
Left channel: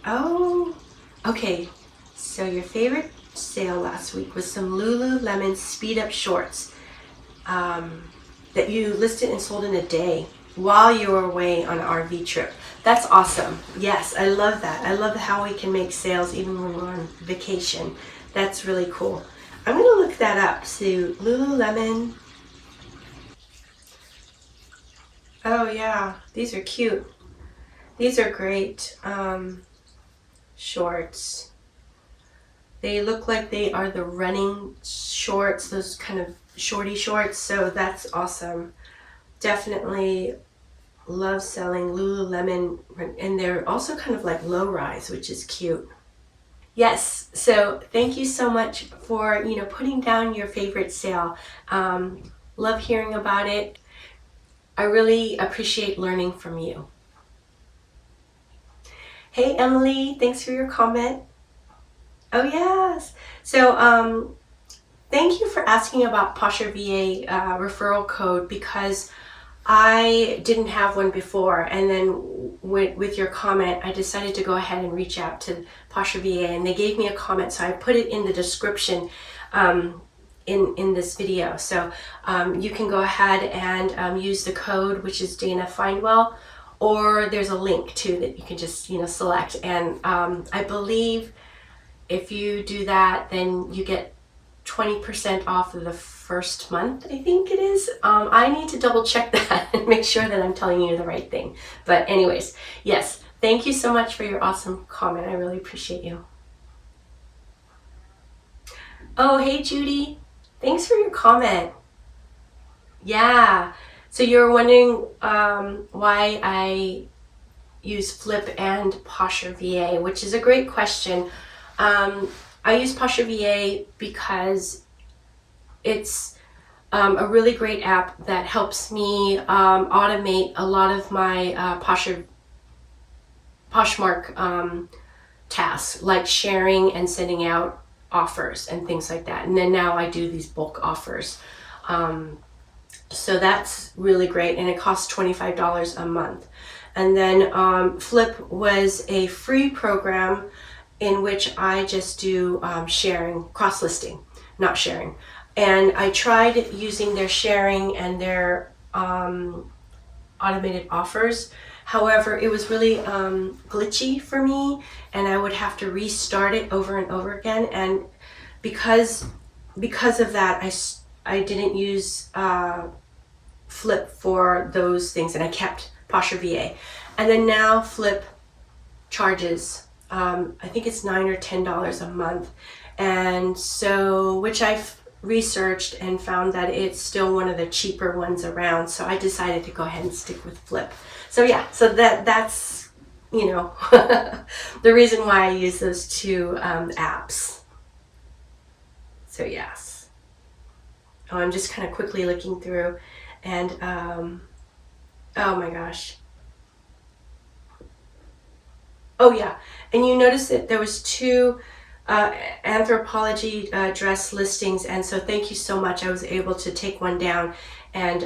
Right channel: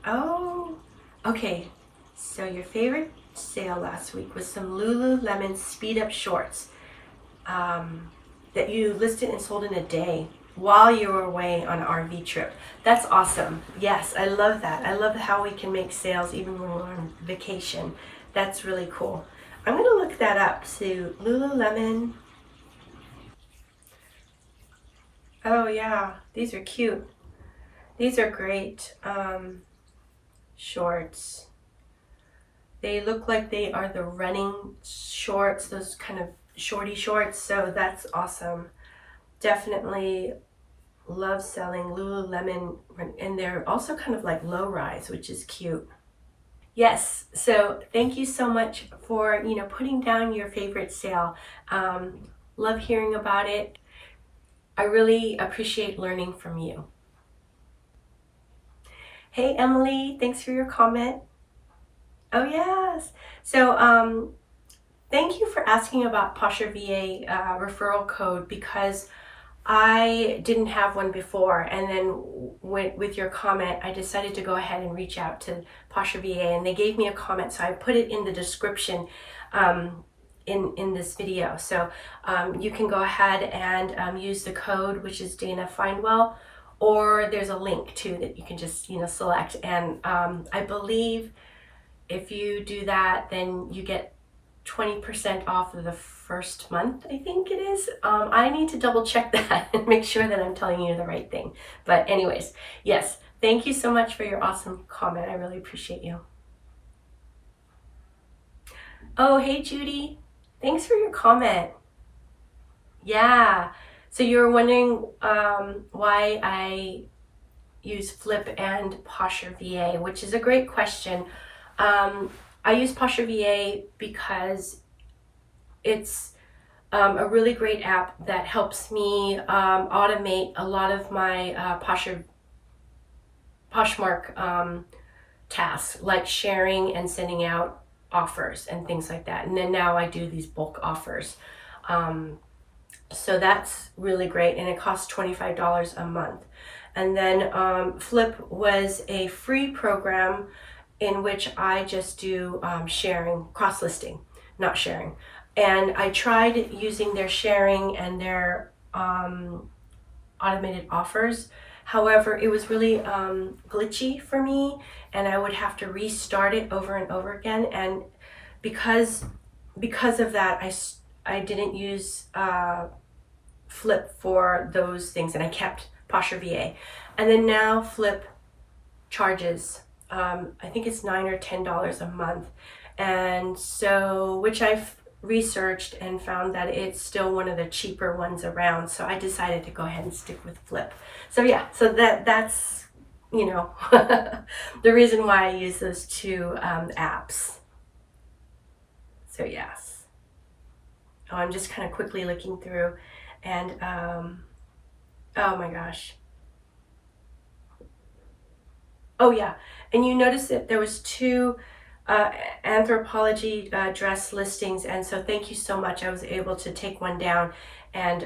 Oh, okay. So your favorite sale last week was some Lululemon speed up shorts that you listed and sold in a day while you were away on an RV trip. That's awesome. Yes, I love that. I love how we can make sales even when we're on vacation. That's really cool. I'm going to look that up. So Lululemon. Oh yeah, these are cute. These are great shorts. They look like they are the running shorts, those kind of shorty shorts. So that's awesome. Definitely love selling Lululemon, and they're also kind of like low rise, which is cute. Yes, so thank you so much for, you know, putting down your favorite sale. Love hearing about it. I really appreciate learning from you. Hey Emily, thanks for your comment. Oh yes. So thank you for asking about PosherVA referral code, because I didn't have one before, and then with your comment, I decided to go ahead and reach out to PosherVA, and they gave me a comment, so I put it in the description in this video. So you can go ahead and use the code, which is Dana Findwell, or there's a link too that you can just, you know, select. And I believe if you do that, then you get 20% off of the first month, I think it is. I need to double check that and make sure that I'm telling you the right thing. But anyways, yes, thank you so much for your awesome comment. I really appreciate you. Oh, hey Judy, thanks for your comment. Yeah, so you're wondering why I use Flip and PosherVA, which is a great question. I use PosherVA because it's a really great app that helps me automate a lot of my Poshmark tasks, like sharing and sending out offers and things like that. And then now I do these bulk offers. So that's really great, and it costs $25 a month. And then Flip was a free program in which I just do sharing, cross-listing, not sharing. And I tried using their sharing and their automated offers. However, it was really glitchy for me, and I would have to restart it over and over again. And because of that, I didn't use Flip for those things, and I kept PosherVA. And then now Flip charges, I think it's $9 or $10 a month, and so, which I've researched and found that it's still one of the cheaper ones around. So I decided to go ahead and stick with Flip. So yeah, so that's you know the reason why I use those two apps. So yes. Oh, I'm just kind of quickly looking through, and oh my gosh. Oh yeah, and you notice that there was two anthropology dress listings, and so thank you so much. I was able to take one down and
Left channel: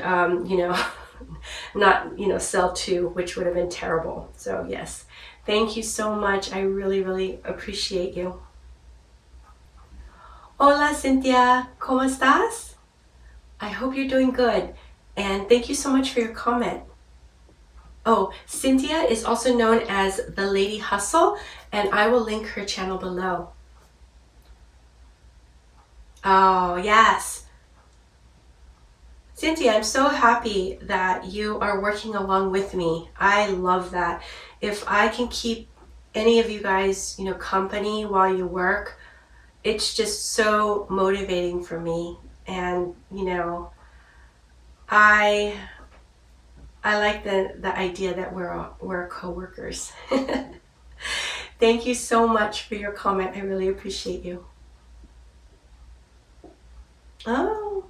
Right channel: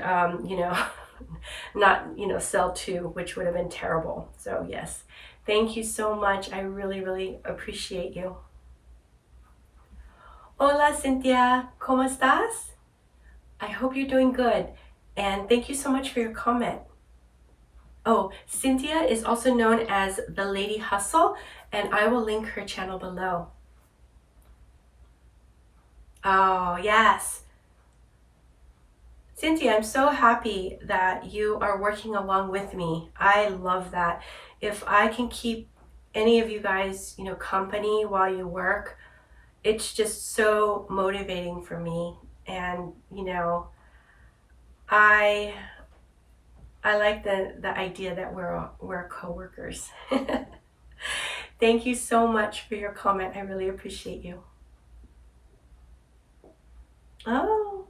not sell two, which would have been terrible. So yes, thank you so much. I really appreciate you. Hola Cynthia, ¿cómo estás? I hope you're doing good, and thank you so much for your comment. Oh, Cynthia is also known as the Lady Hustle, and I will link her channel below. Oh, yes. Cynthia, I'm so happy that you are working along with me. I love that. If I can keep any of you guys, company while you work, it's just so motivating for me. And, I like the idea that we're co-workers. Thank you so much for your comment. I really appreciate you. Oh,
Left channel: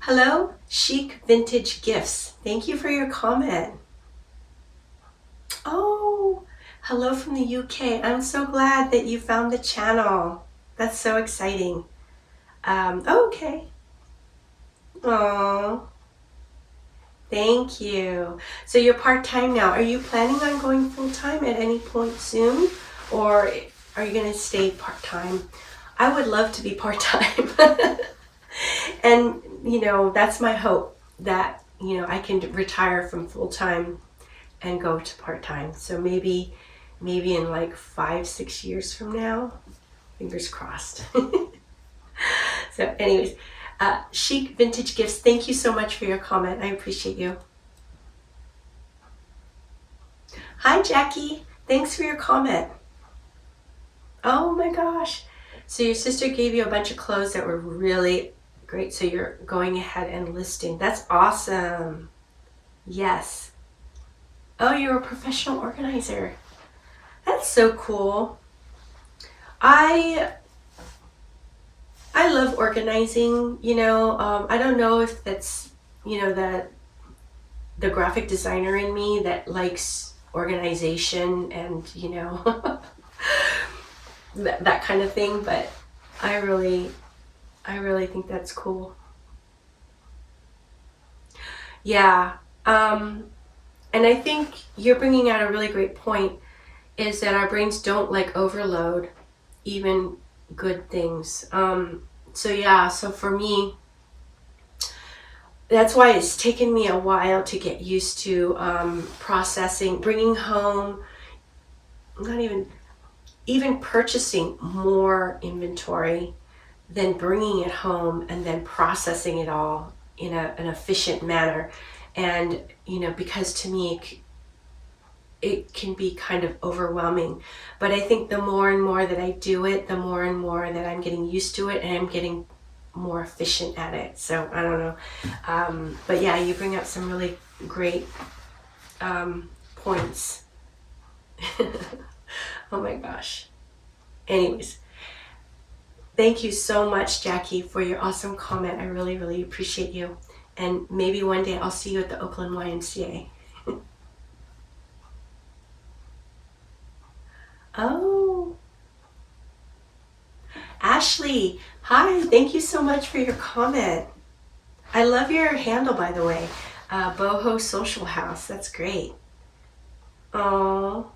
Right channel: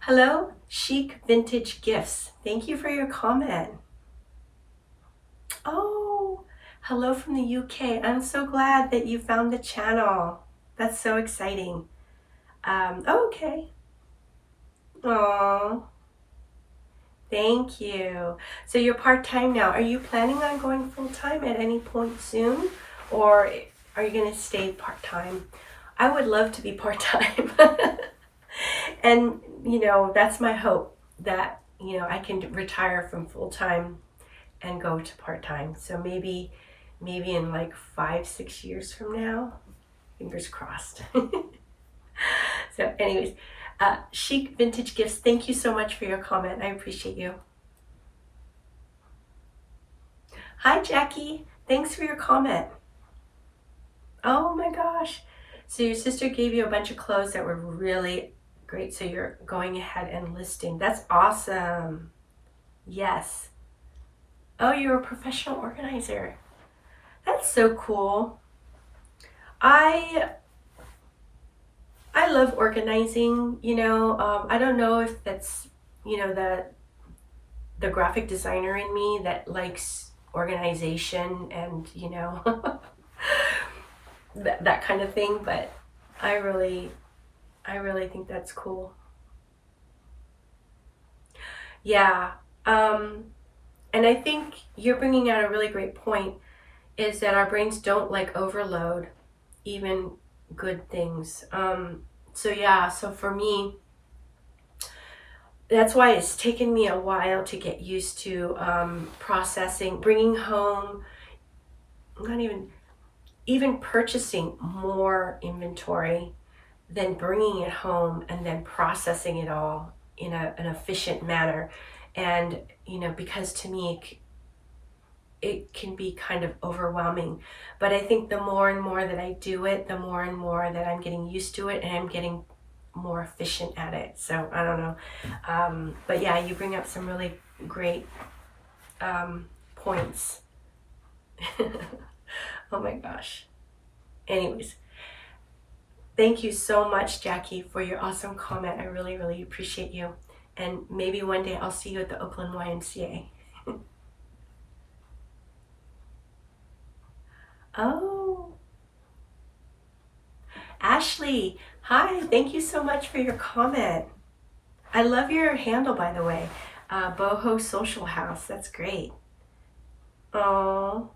hello, Chic Vintage Gifts. Thank you for your comment. Oh, hello from the UK. I'm so glad that you found the channel. That's so exciting. Okay. Oh, thank you. So you're part-time now. Are you planning on going full-time at any point soon? Or are you going to stay part-time? I would love to be part-time. And, that's my hope, that, I can retire from full-time and go to part-time. So maybe in like 5-6 years from now, fingers crossed. So anyways, Chic Vintage Gifts, thank you so much for your comment. I appreciate you. Hi, Jackie. Thanks for your comment. Oh my gosh. So your sister gave you a bunch of clothes that were really great. So you're going ahead and listing. That's awesome. Yes. Oh, you're a professional organizer. That's so cool. I love organizing, I don't know if that's, the graphic designer in me that likes organization and, that kind of thing, but I really think that's cool. Yeah. And I think you're bringing out a really great point, is that our brains don't like overload even good things. So yeah, so for me, that's why it's taken me a while to get used to processing, bringing home, not even purchasing more inventory, then bringing it home and then processing it all in an efficient manner. And, because to me, it can be kind of overwhelming. But I think the more and more that I do it, the more and more that I'm getting used to it, and I'm getting more efficient at it. So I don't know. But yeah, you bring up some really great points. Oh my gosh. Anyways, thank you so much, Jackie, for your awesome comment. I really appreciate you. And maybe one day I'll see you at the Oakland YMCA. Oh, Ashley, hi, thank you so much for your comment. I love your handle, by the way. Boho Social House. That's great. Oh,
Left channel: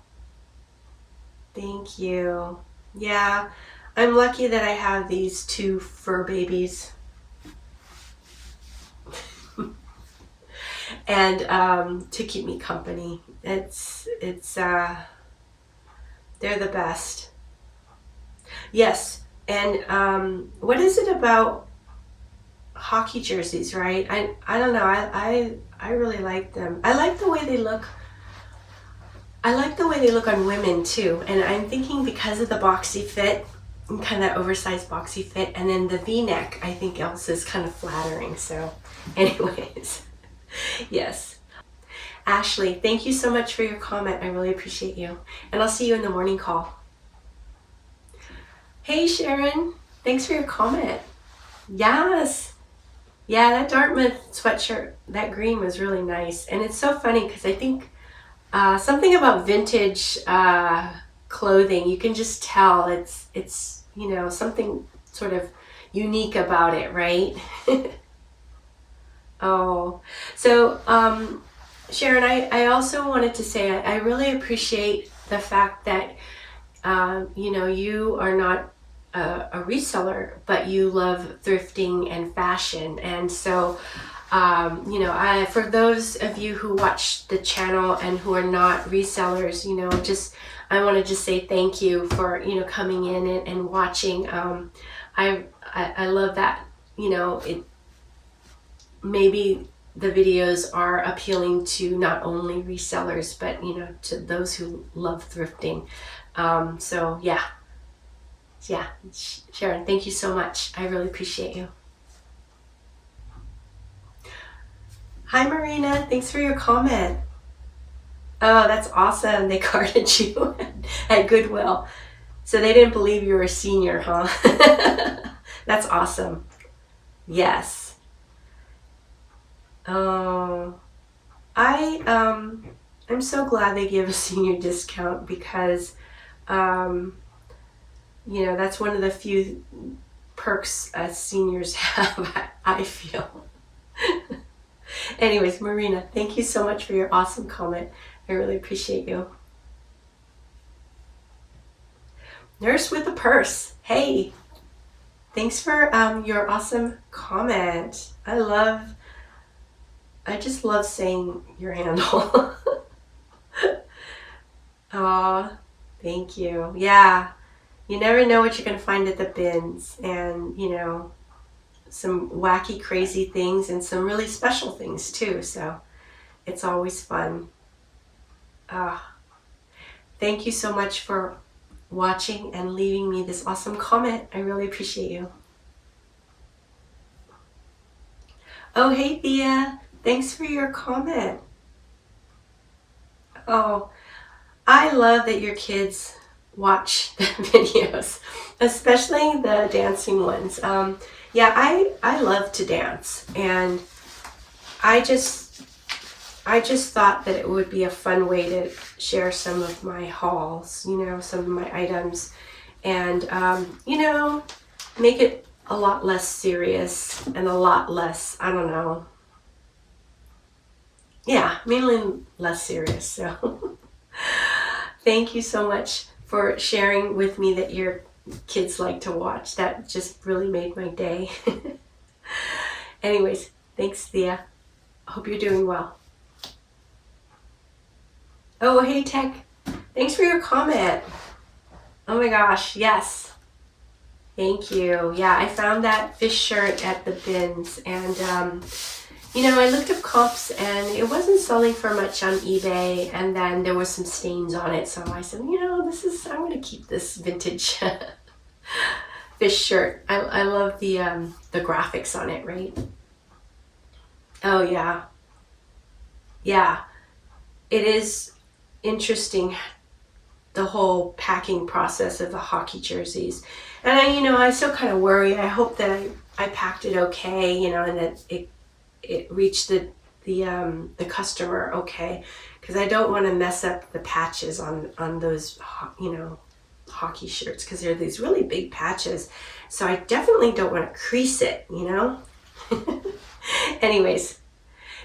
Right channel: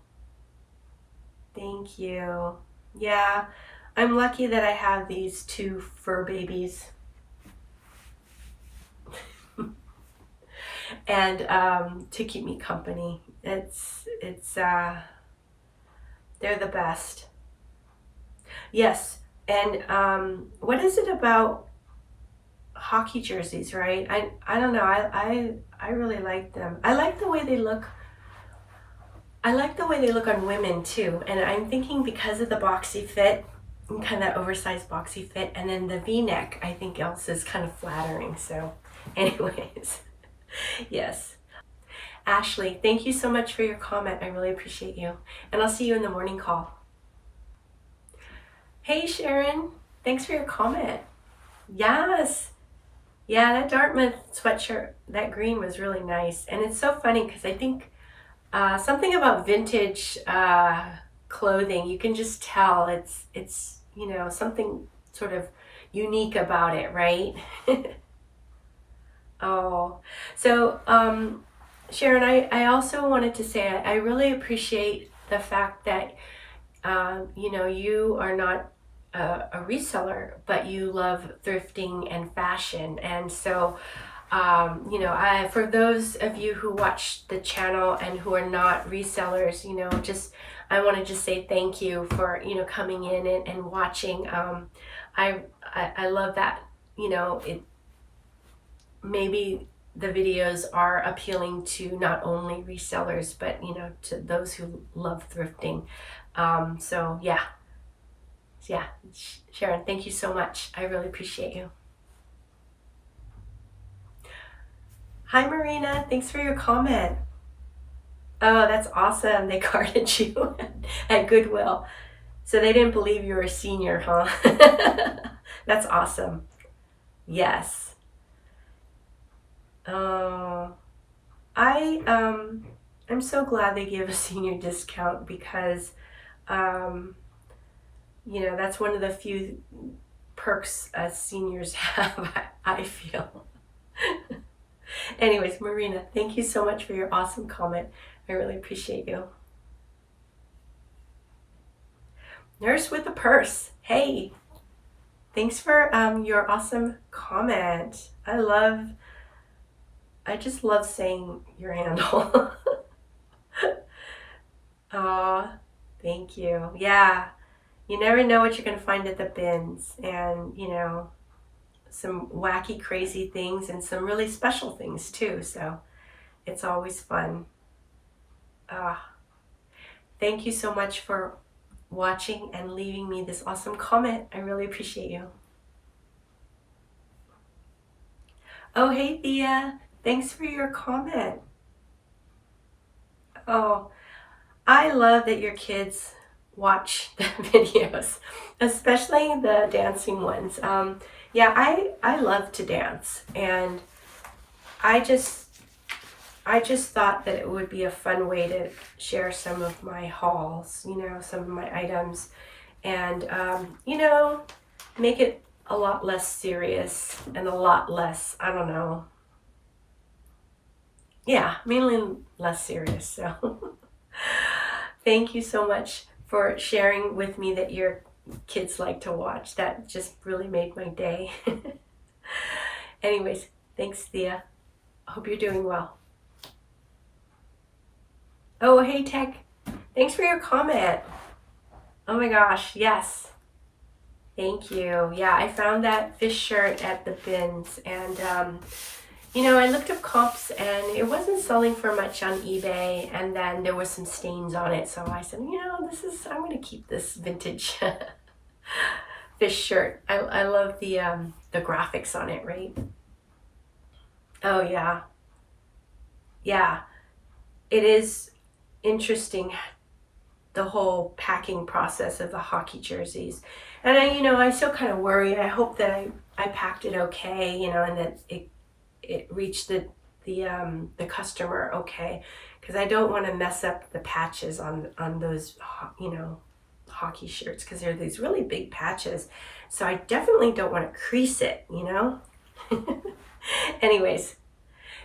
thank you. Yeah, I'm lucky that I have these two fur babies. And to keep me company. They're the best. Yes. And what is it about hockey jerseys, right? I don't know. I really like them. I like the way they look. I like the way they look on women too. And I'm thinking because of the boxy fit, kind of that oversized boxy fit, and then the V-neck, I think also is kind of flattering. So anyways, yes. Ashley, thank you so much for your comment. I really appreciate you. And I'll see you in the morning call. Hey Sharon, thanks for your comment. Yes. Yeah, that Dartmouth sweatshirt, that green was really nice. And it's so funny because I think something about vintage clothing, you can just tell it's something sort of unique about it, right? Oh, so Sharon, I also wanted to say I really appreciate the fact that you are not a reseller, but you love thrifting and fashion. And so, for those of you who watch the channel and who are not resellers, I want to just say thank you for, coming in and watching. I love that, it maybe the videos are appealing to not only resellers, but, to those who love thrifting. So yeah, Sharon, thank you so much. I really appreciate you. Hi, Marina. Thanks for your comment. Oh, that's awesome. They carded you at Goodwill. So they didn't believe you were a senior, huh? That's awesome. Yes. Oh, I'm so glad they give a senior discount because that's one of the few perks seniors have, I feel. Anyways, Marina, thank you so much for your awesome comment. I really appreciate you. Nurse with a purse. Hey, thanks for your awesome comment. I just love saying your handle. Aw, thank you. Yeah, you never know what you're going to find at the bins, and some wacky, crazy things and some really special things too. So it's always fun. Thank you so much for watching and leaving me this awesome comment. I really appreciate you. Oh, hey Thea, thanks for your comment. Oh, I love that your kids watch the videos, especially the dancing ones. Yeah, I love to dance, and I just thought that it would be a fun way to share some of my hauls, some of my items, and make it a lot less serious and a lot less, I don't know. Yeah, mainly less serious. So thank you so much for sharing with me that your kids like to watch. That just really made my day. Anyways, thanks, Thea. Hope you're doing well. Oh, hey, Tech. Thanks for your comment. Oh my gosh, yes. Thank you. Yeah, I found that fish shirt at the bins, and I looked up comps and it wasn't selling for much on eBay, and then there was some stains on it, so I said, I'm going to keep this vintage fish shirt. I love the graphics on it, right? Oh yeah. Yeah. It is interesting, the whole packing process of the hockey jerseys. And I still kind of worry. I hope that I packed it okay, and that it reached the customer okay, because I don't want to mess up the patches on those hockey shirts, because they're these really big patches. So I definitely don't want to crease it, Anyways,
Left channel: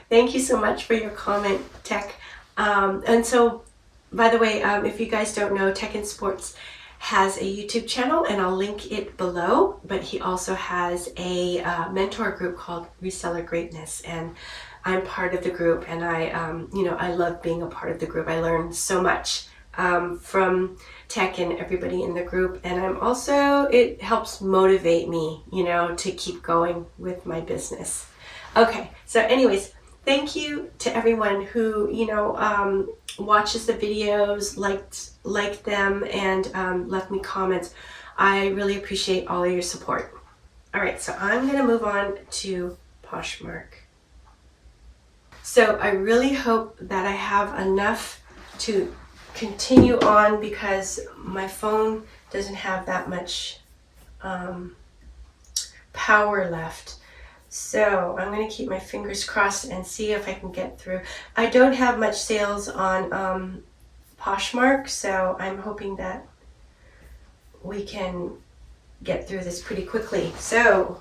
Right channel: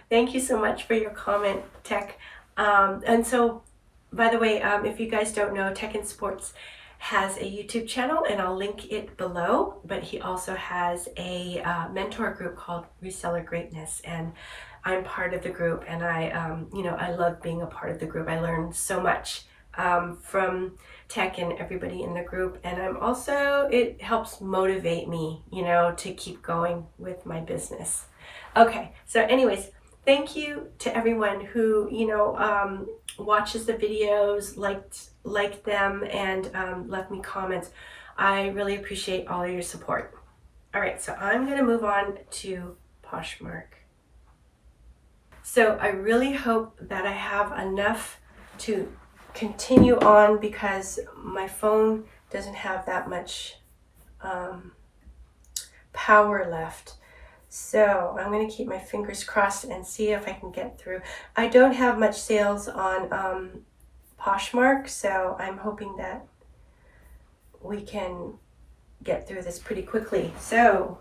thank you so much for your comment, Tech. And so, by the way, if you guys don't know, Tech and Sports has a YouTube channel, and I'll link it below. But he also has a mentor group called Reseller Greatness, and I'm part of the group. And I love being a part of the group. I learned so much from Tech and everybody in the group, and it helps motivate me, to keep going with my business. Okay, so anyways, thank you to everyone who watches the videos, liked them, and left me comments. I really appreciate all of your support. All right, so I'm gonna move on to Poshmark. So I really hope that I have enough to continue on, because my phone doesn't have that much power left. So I'm going to keep my fingers crossed and see if I can get through. I don't have much sales on Poshmark, so I'm hoping that we can get through this pretty quickly. So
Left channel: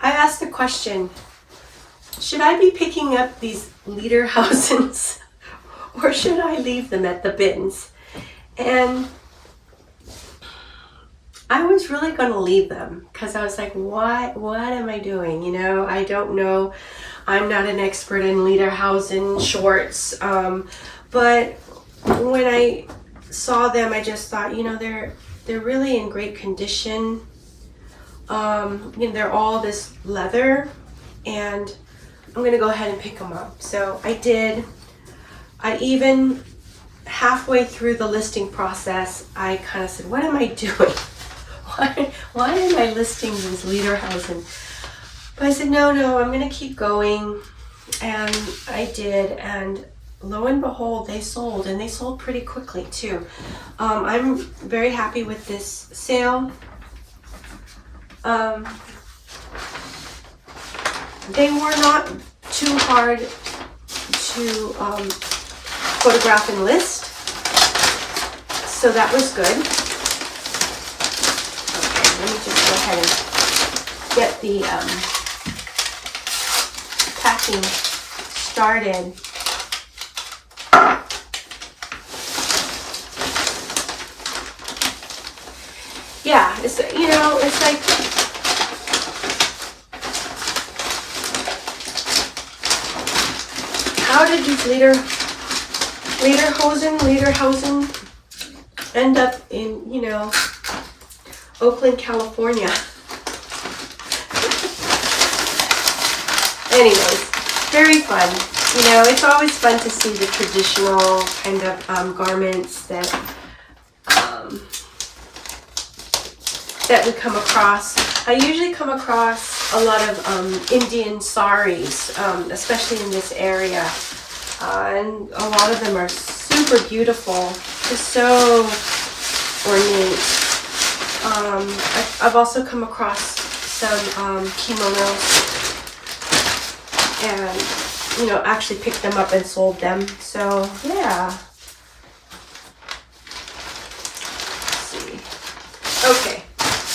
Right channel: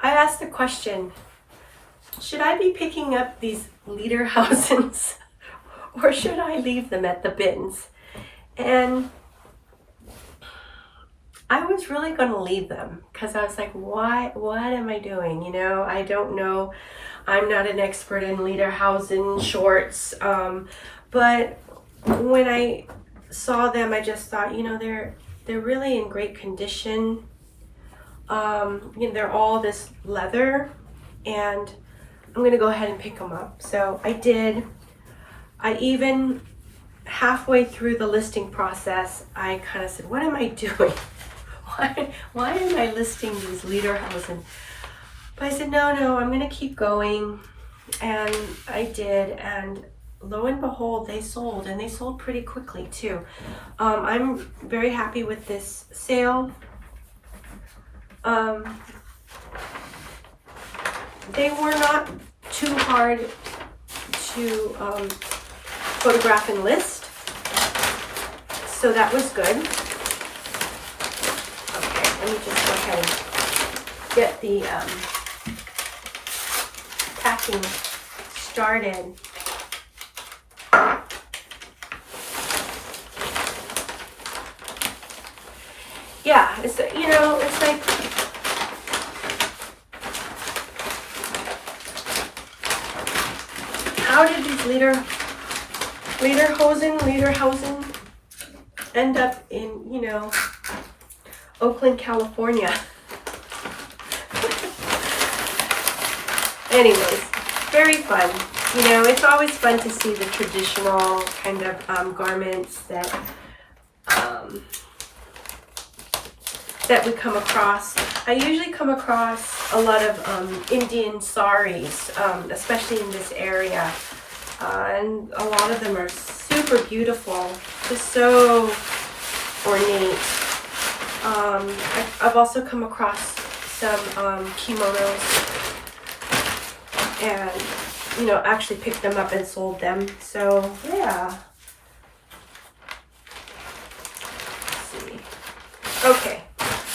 I asked the question, should I be picking up these Lederhausens or should I leave them at the bins? And I was really going to leave them, because I was like, what am I doing? I don't know. I'm not an expert in Lederhausen shorts. But when I saw them, I just thought, they're really in great condition. They're all this leather, and I'm going to go ahead and pick them up. So I did. I even, halfway through the listing process, I kind of said, what am I doing? Why am I listing these Lederhausen? But I said, no, I'm gonna keep going. And I did, and lo and behold, they sold, and they sold pretty quickly too. I'm very happy with this sale. They were not too hard to photograph and list, so that was good. Let me just go ahead and get the packing started. Yeah, it's like, how did these Lederhausen end up in, Oakland, California? Anyways, very fun. It's always fun to see the traditional kind of garments that we come across. I usually come across a lot of Indian saris, especially in this area, and a lot of them are super beautiful, just so ornate. I've also come across some kimonos, and actually picked them up and sold them. So yeah. Let's see. Okay,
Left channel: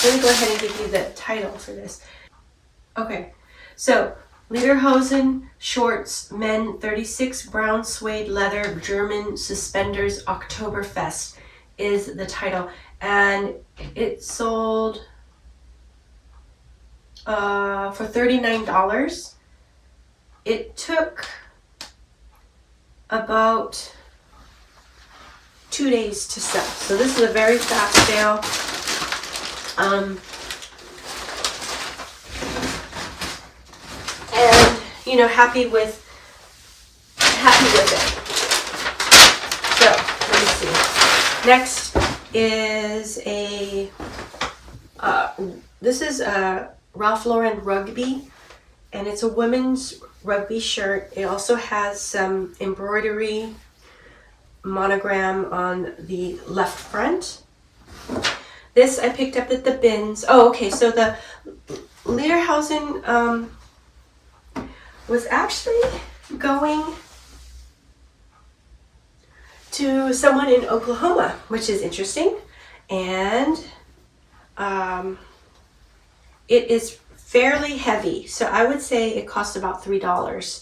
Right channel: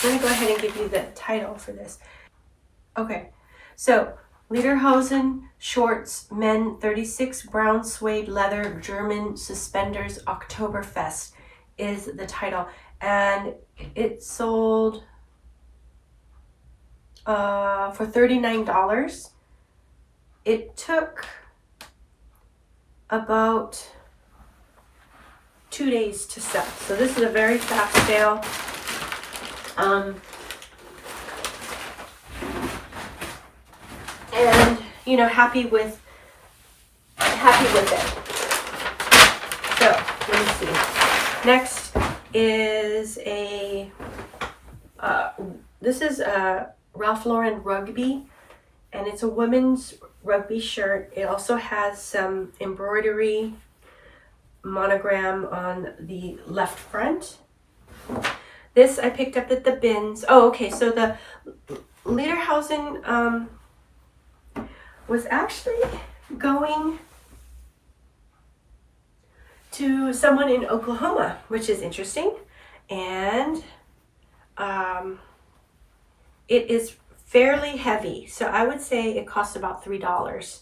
let me go ahead and give you the title for this. Okay, so Lederhosen shorts, men 36, brown suede leather, German suspenders, Oktoberfest is the title. And it sold for $39. It took about 2 days to sell. So this is a very fast sale. And happy with it. So let me see. Next is this is a Ralph Lauren rugby, and it's a women's rugby shirt. It also has some embroidery monogram on the left front. This I picked up at the bins. Oh, okay, so the Lederhausen was actually going to someone in Oklahoma, which is interesting. And it is fairly heavy. So I would say it cost about $3.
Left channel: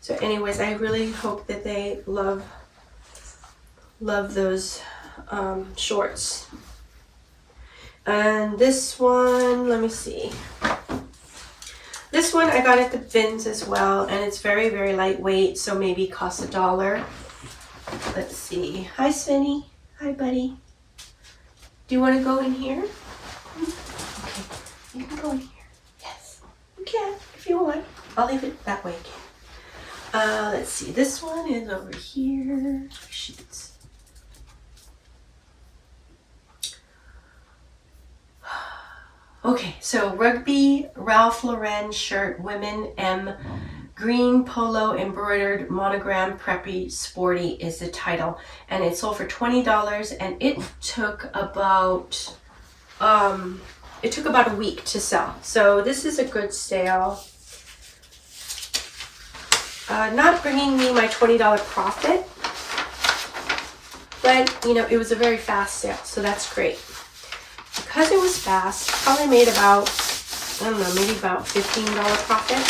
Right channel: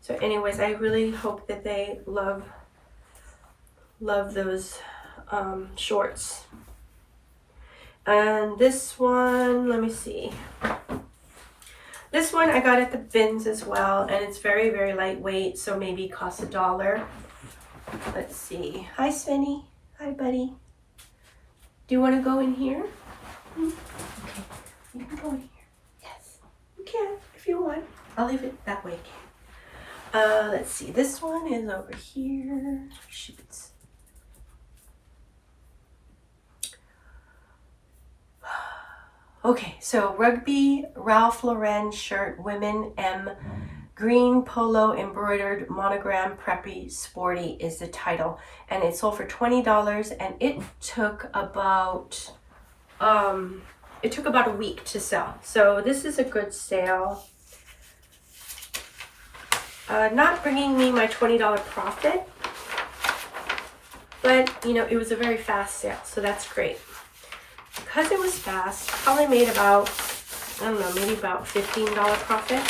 So anyways, I really hope that they love those shorts. And this one, let me see. This one I got at the bins as well, and it's very, very lightweight, so maybe it costs $1. Let's see. Hi, Svenny. Hi, buddy. Do you want to go in here? Okay, you can go in here. Yes, you can if you want. I'll leave it that way. Let's see. This one is over here. Sheets. Okay, so Rugby Ralph Lauren shirt, women M, green polo embroidered monogram preppy sporty is the title, and it sold for $20, and it took about a week to sell. So this is a good sale. Not bringing me my $20 profit, but you know, it was a very fast sale, so that's great. Because it was fast, probably made about, I don't know, maybe about $15 profit.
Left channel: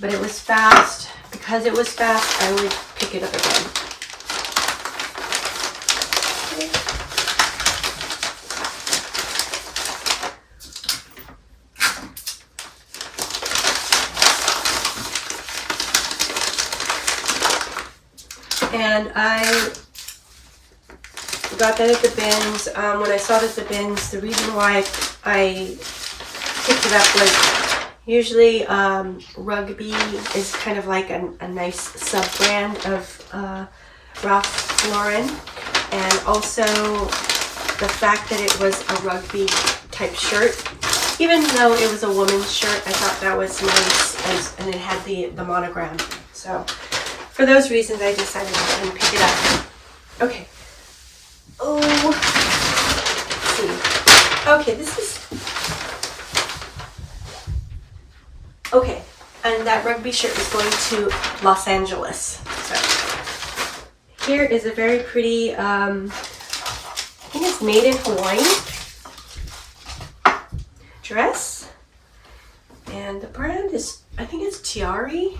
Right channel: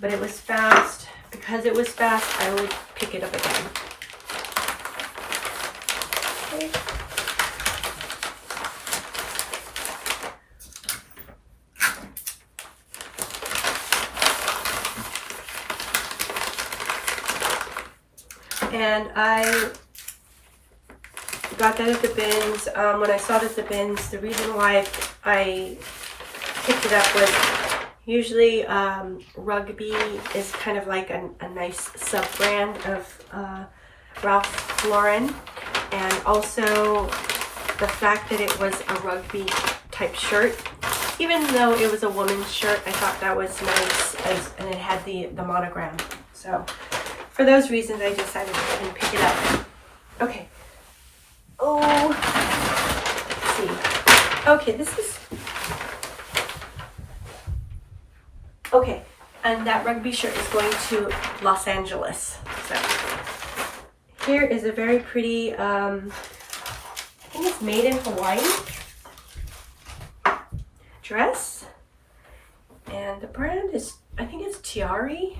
But it was fast. Because it was fast, I would pick it up again. And I got that at the bins. When I saw it at the bins, the reason why I picked it up was usually Rugby is kind of like a nice sub-brand of Ralph Lauren. And also the fact that it was a Rugby type shirt. Even though it was a woman's shirt, I thought that was nice, and it had the monogram. So for those reasons, I decided to pick it up. Okay. Oh, let's see. Okay, this is... Okay, and that Rugby shirt is going to Los Angeles. So here is a very pretty, I think it's made in Hawaii dress. And the brand is, I think it's Tiari.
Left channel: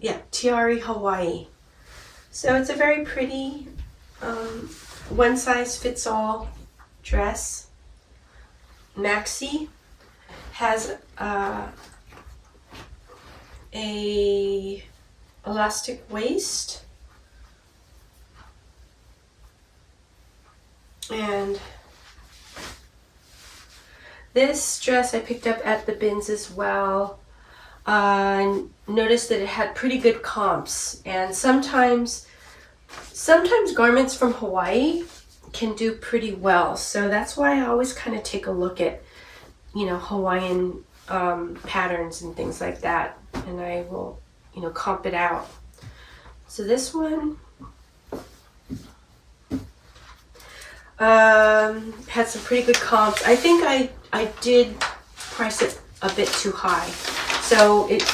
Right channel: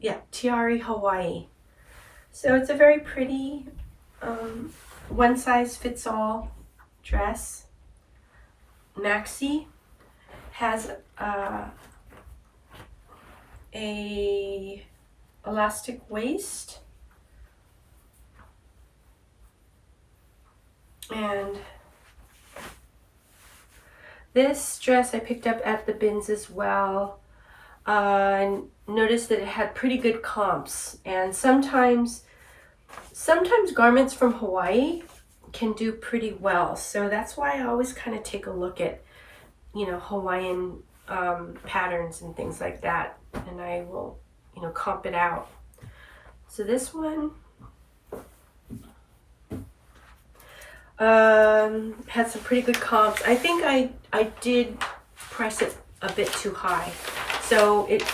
Yeah, Tiari Hawaii. So it's a very pretty one size fits all dress. Maxi has a elastic waist, and this dress I picked up at the bins as well. And noticed that it had pretty good comps, and sometimes garments from Hawaii can do pretty well, so that's why I always kind of take a look at, you know, Hawaiian patterns and things like that, and I will, you know, comp it out. So this one had some pretty good comps. I think I did price it a bit too high, so it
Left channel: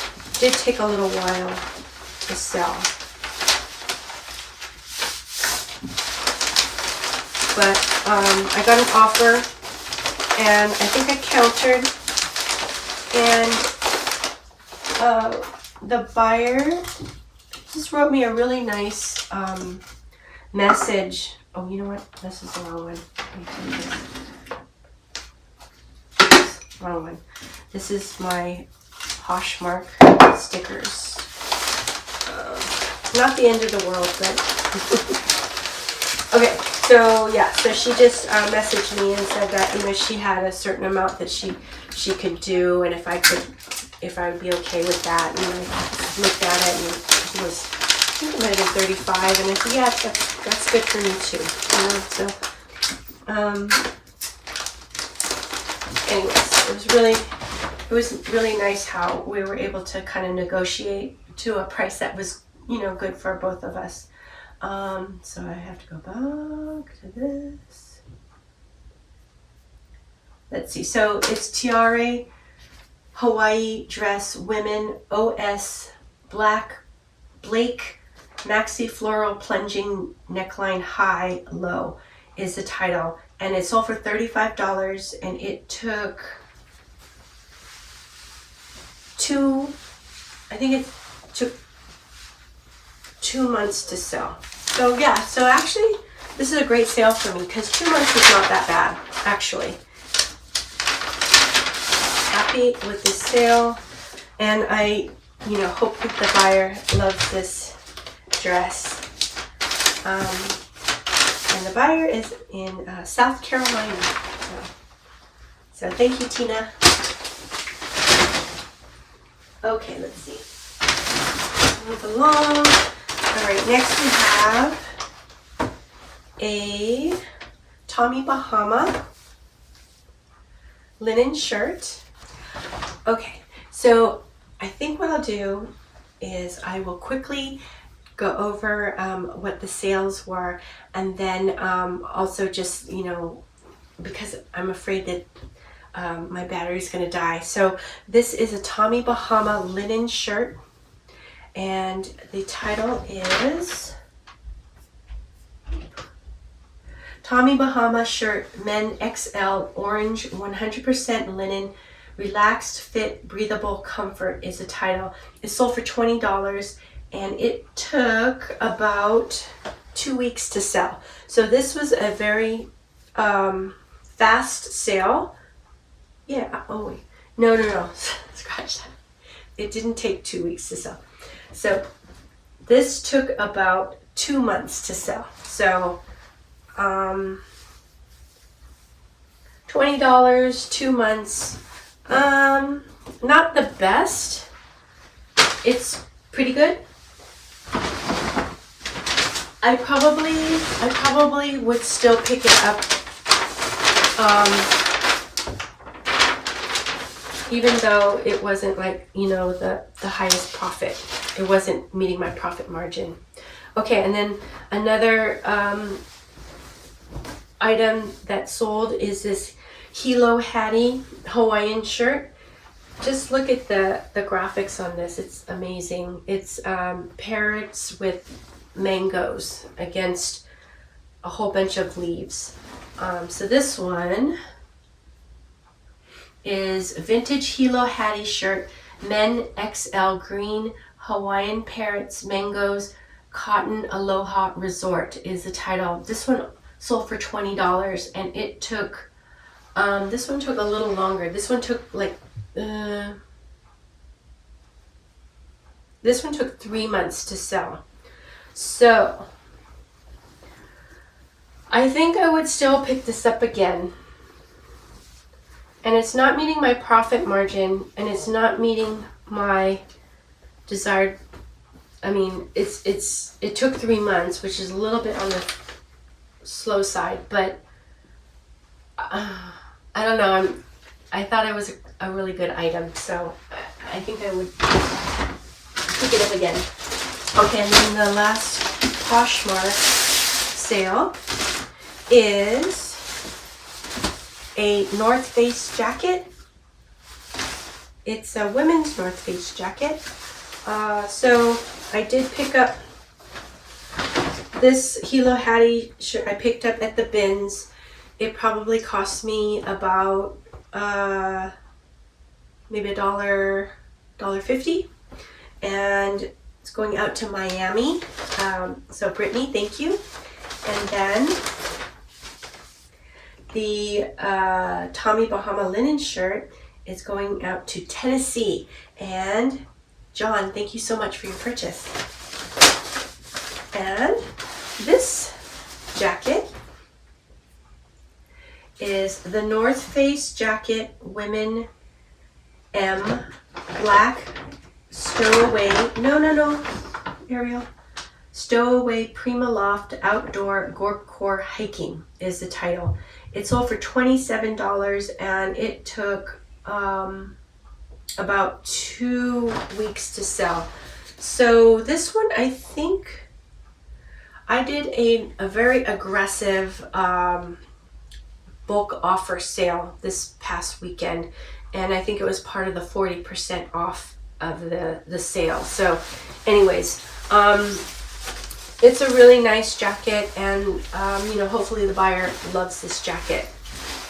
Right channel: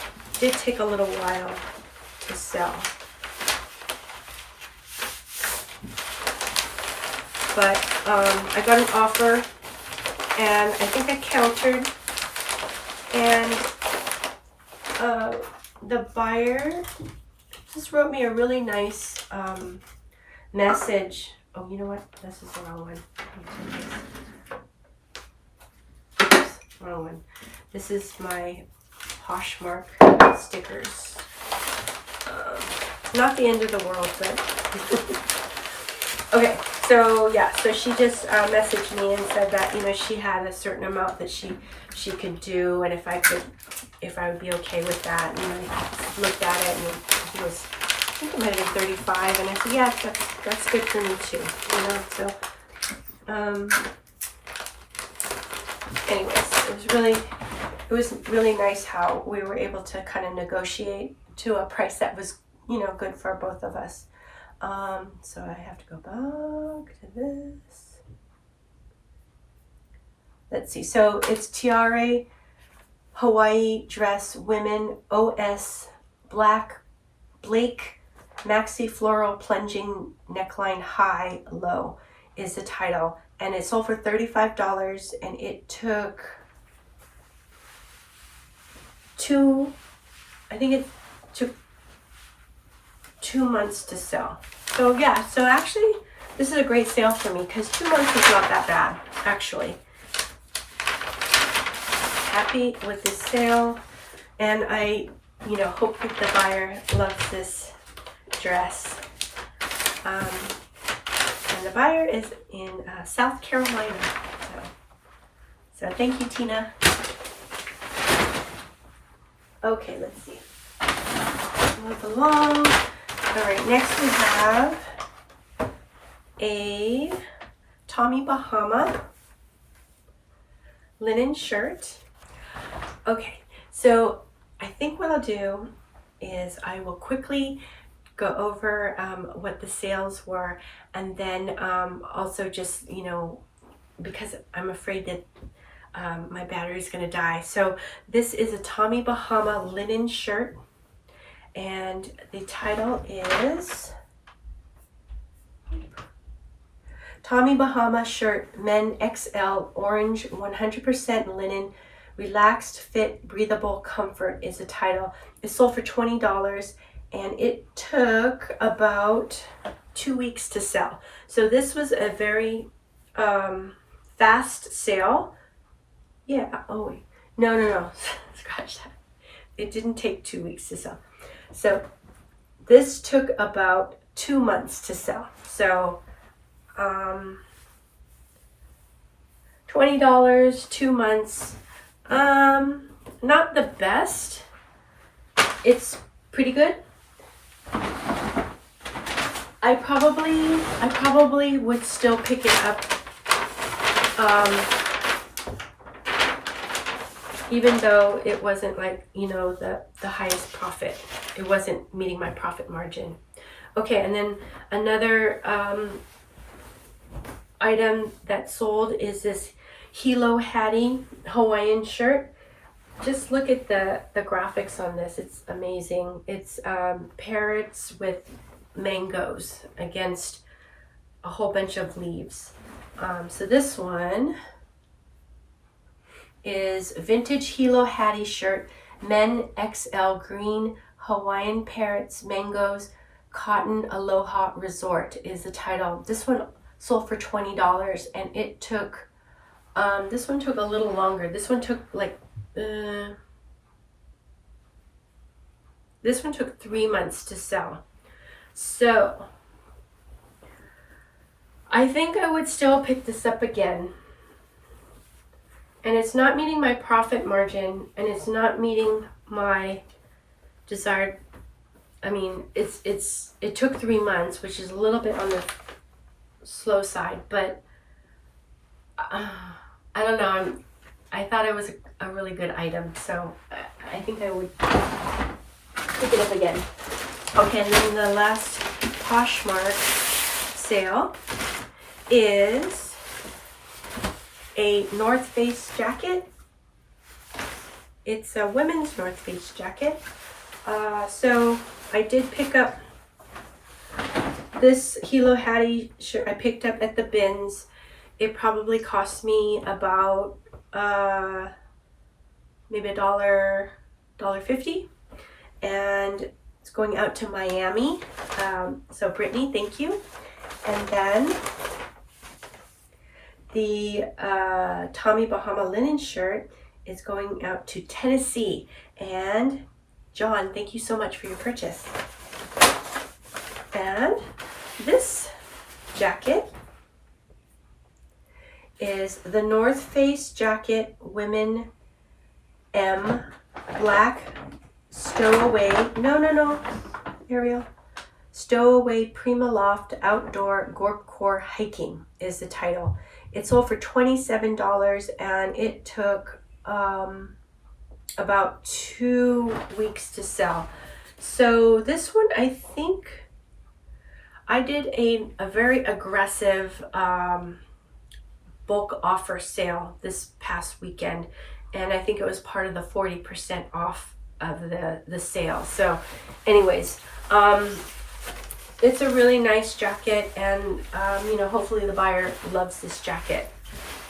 did take a little while to sell. But I got an offer, and I think I countered, and the buyer just wrote me a really nice message. Oh, you know what? This is the wrong one. Wrong one. This is my Poshmark stickers. Not the end of the world, but okay. So yeah, so she just messaged me and said that, you know, she had a certain amount that she could do, and if I would be okay with that. And I looked at it, and it was, I think it might have been 35, and I said, yeah, that's good for me too, you know. So anyways, it was really nice how we were able to kind of negotiate to a price that was, you know, good for both of us. So I have to go back to this. Let's see. So it's Tiare Hawaii dress, women, OS, black Blake Maxi Floral Plunging Neckline High Low is the title. And it sold for $35 and it took I think it took 2 months to sell. So yeah, so actually this is a great sale for me because 2 months is not that bad, actually. Happy with this sale, and I, hope that the buyer loves this dress. And the buyer is in South Carolina. So thank you, Tina. Okay, let's see. Move along. All right, next we have a Tommy Bahama linen shirt. Okay, so I think what I'll do is I will quickly go over what the sales were, and then also just, because I'm afraid that my battery's gonna die. So this is a Tommy Bahama linen shirt, and the title is Tommy Bahama shirt, men XL, orange, 100% linen, relaxed fit, breathable comfort is the title. It sold for $20 and it took about 2 weeks to sell. So this was a very fast sale. Yeah, oh wait, no, scratch that. It didn't take 2 weeks to sell. So this took about 2 months to sell. So $20, 2 months. Not the best. It's pretty good. I probably would still pick it up, even though it wasn't like, the highest profit. It wasn't meeting my profit margin. Okay, and then another item that sold is this Hilo Hattie Hawaiian shirt. Just look at the graphics on this. It's amazing. It's parrots with mangoes against a whole bunch of leaves. So this one is vintage Hilo Hattie shirt, men XL, green, Hawaiian parrots, mangoes, cotton aloha resort is the title. This one sold for $20 and it took, this one took a little longer. This one took like, this one took 3 months to sell. So I think I would still pick this up again. And it's not meeting my profit margin, and it's not meeting my desired, it took 3 months, which is a little bit on the slow side, but I don't know, I thought it was a really good item, so I think I would pick it up again. Okay, and then the last Poshmark sale is a North Face jacket. It's a women's North Face jacket. So I did pick up this Hilo Hattie shirt. I picked up at the bins. It probably cost me about maybe $1.50, and it's going out to Miami. So Brittany, thank you. And then the Tommy Bahama linen shirt is going out to Tennessee. And John, thank you so much for your purchase. And this jacket is the North Face jacket, women M, black, stowaway, no, Ariel. Stowaway Prima Loft Outdoor Gorpcore Hiking is the title. It sold for $27 and it took about 2 weeks to sell. So this one, I think I did a very aggressive bulk offer sale this past weekend, and I think it was part of the 40% off the sale. So anyways, it's a really nice jacket, and you know, hopefully the buyer loves this jacket.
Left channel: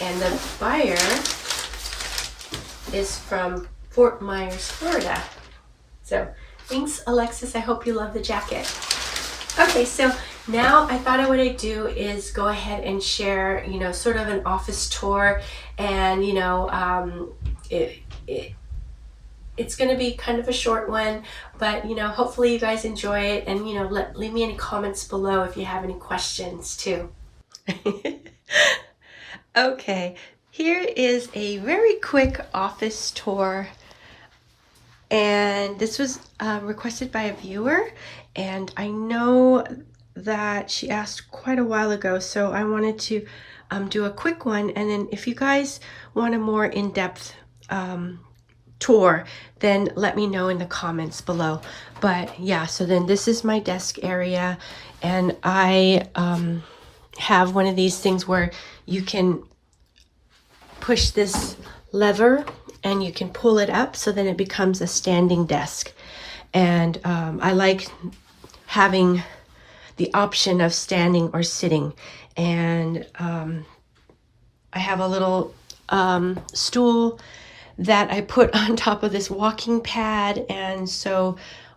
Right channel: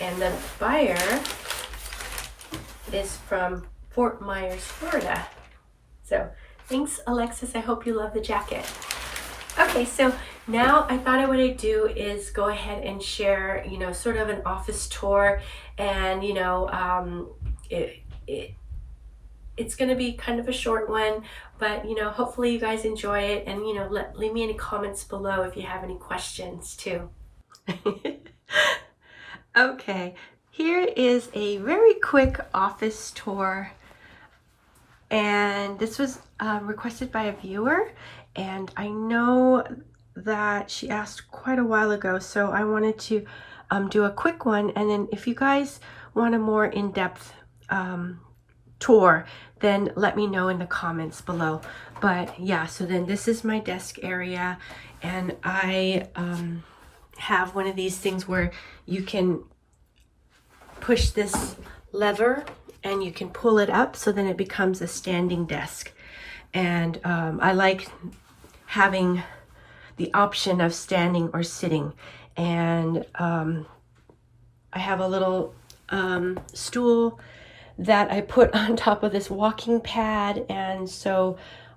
And the buyer is from Fort Myers, Florida. So thanks, Alexis. I hope you love the jacket. Okay, so now I thought what I'd do is go ahead and share, you know, sort of an office tour, and you know, it's going to be kind of a short one, but you know, hopefully you guys enjoy it, and you know, leave me any comments below if you have any questions too. Okay, here is a very quick office tour, and this was requested by a viewer, and I know that she asked quite a while ago, so I wanted to do a quick one, and then if you guys want a more in-depth tour, then let me know in the comments below. But yeah, so then this is my desk area, and I have one of these things where you can push this lever and you can pull it up, so then it becomes a standing desk. And I like having the option of standing or sitting. And I have a little stool that I put on top of this walking pad, and so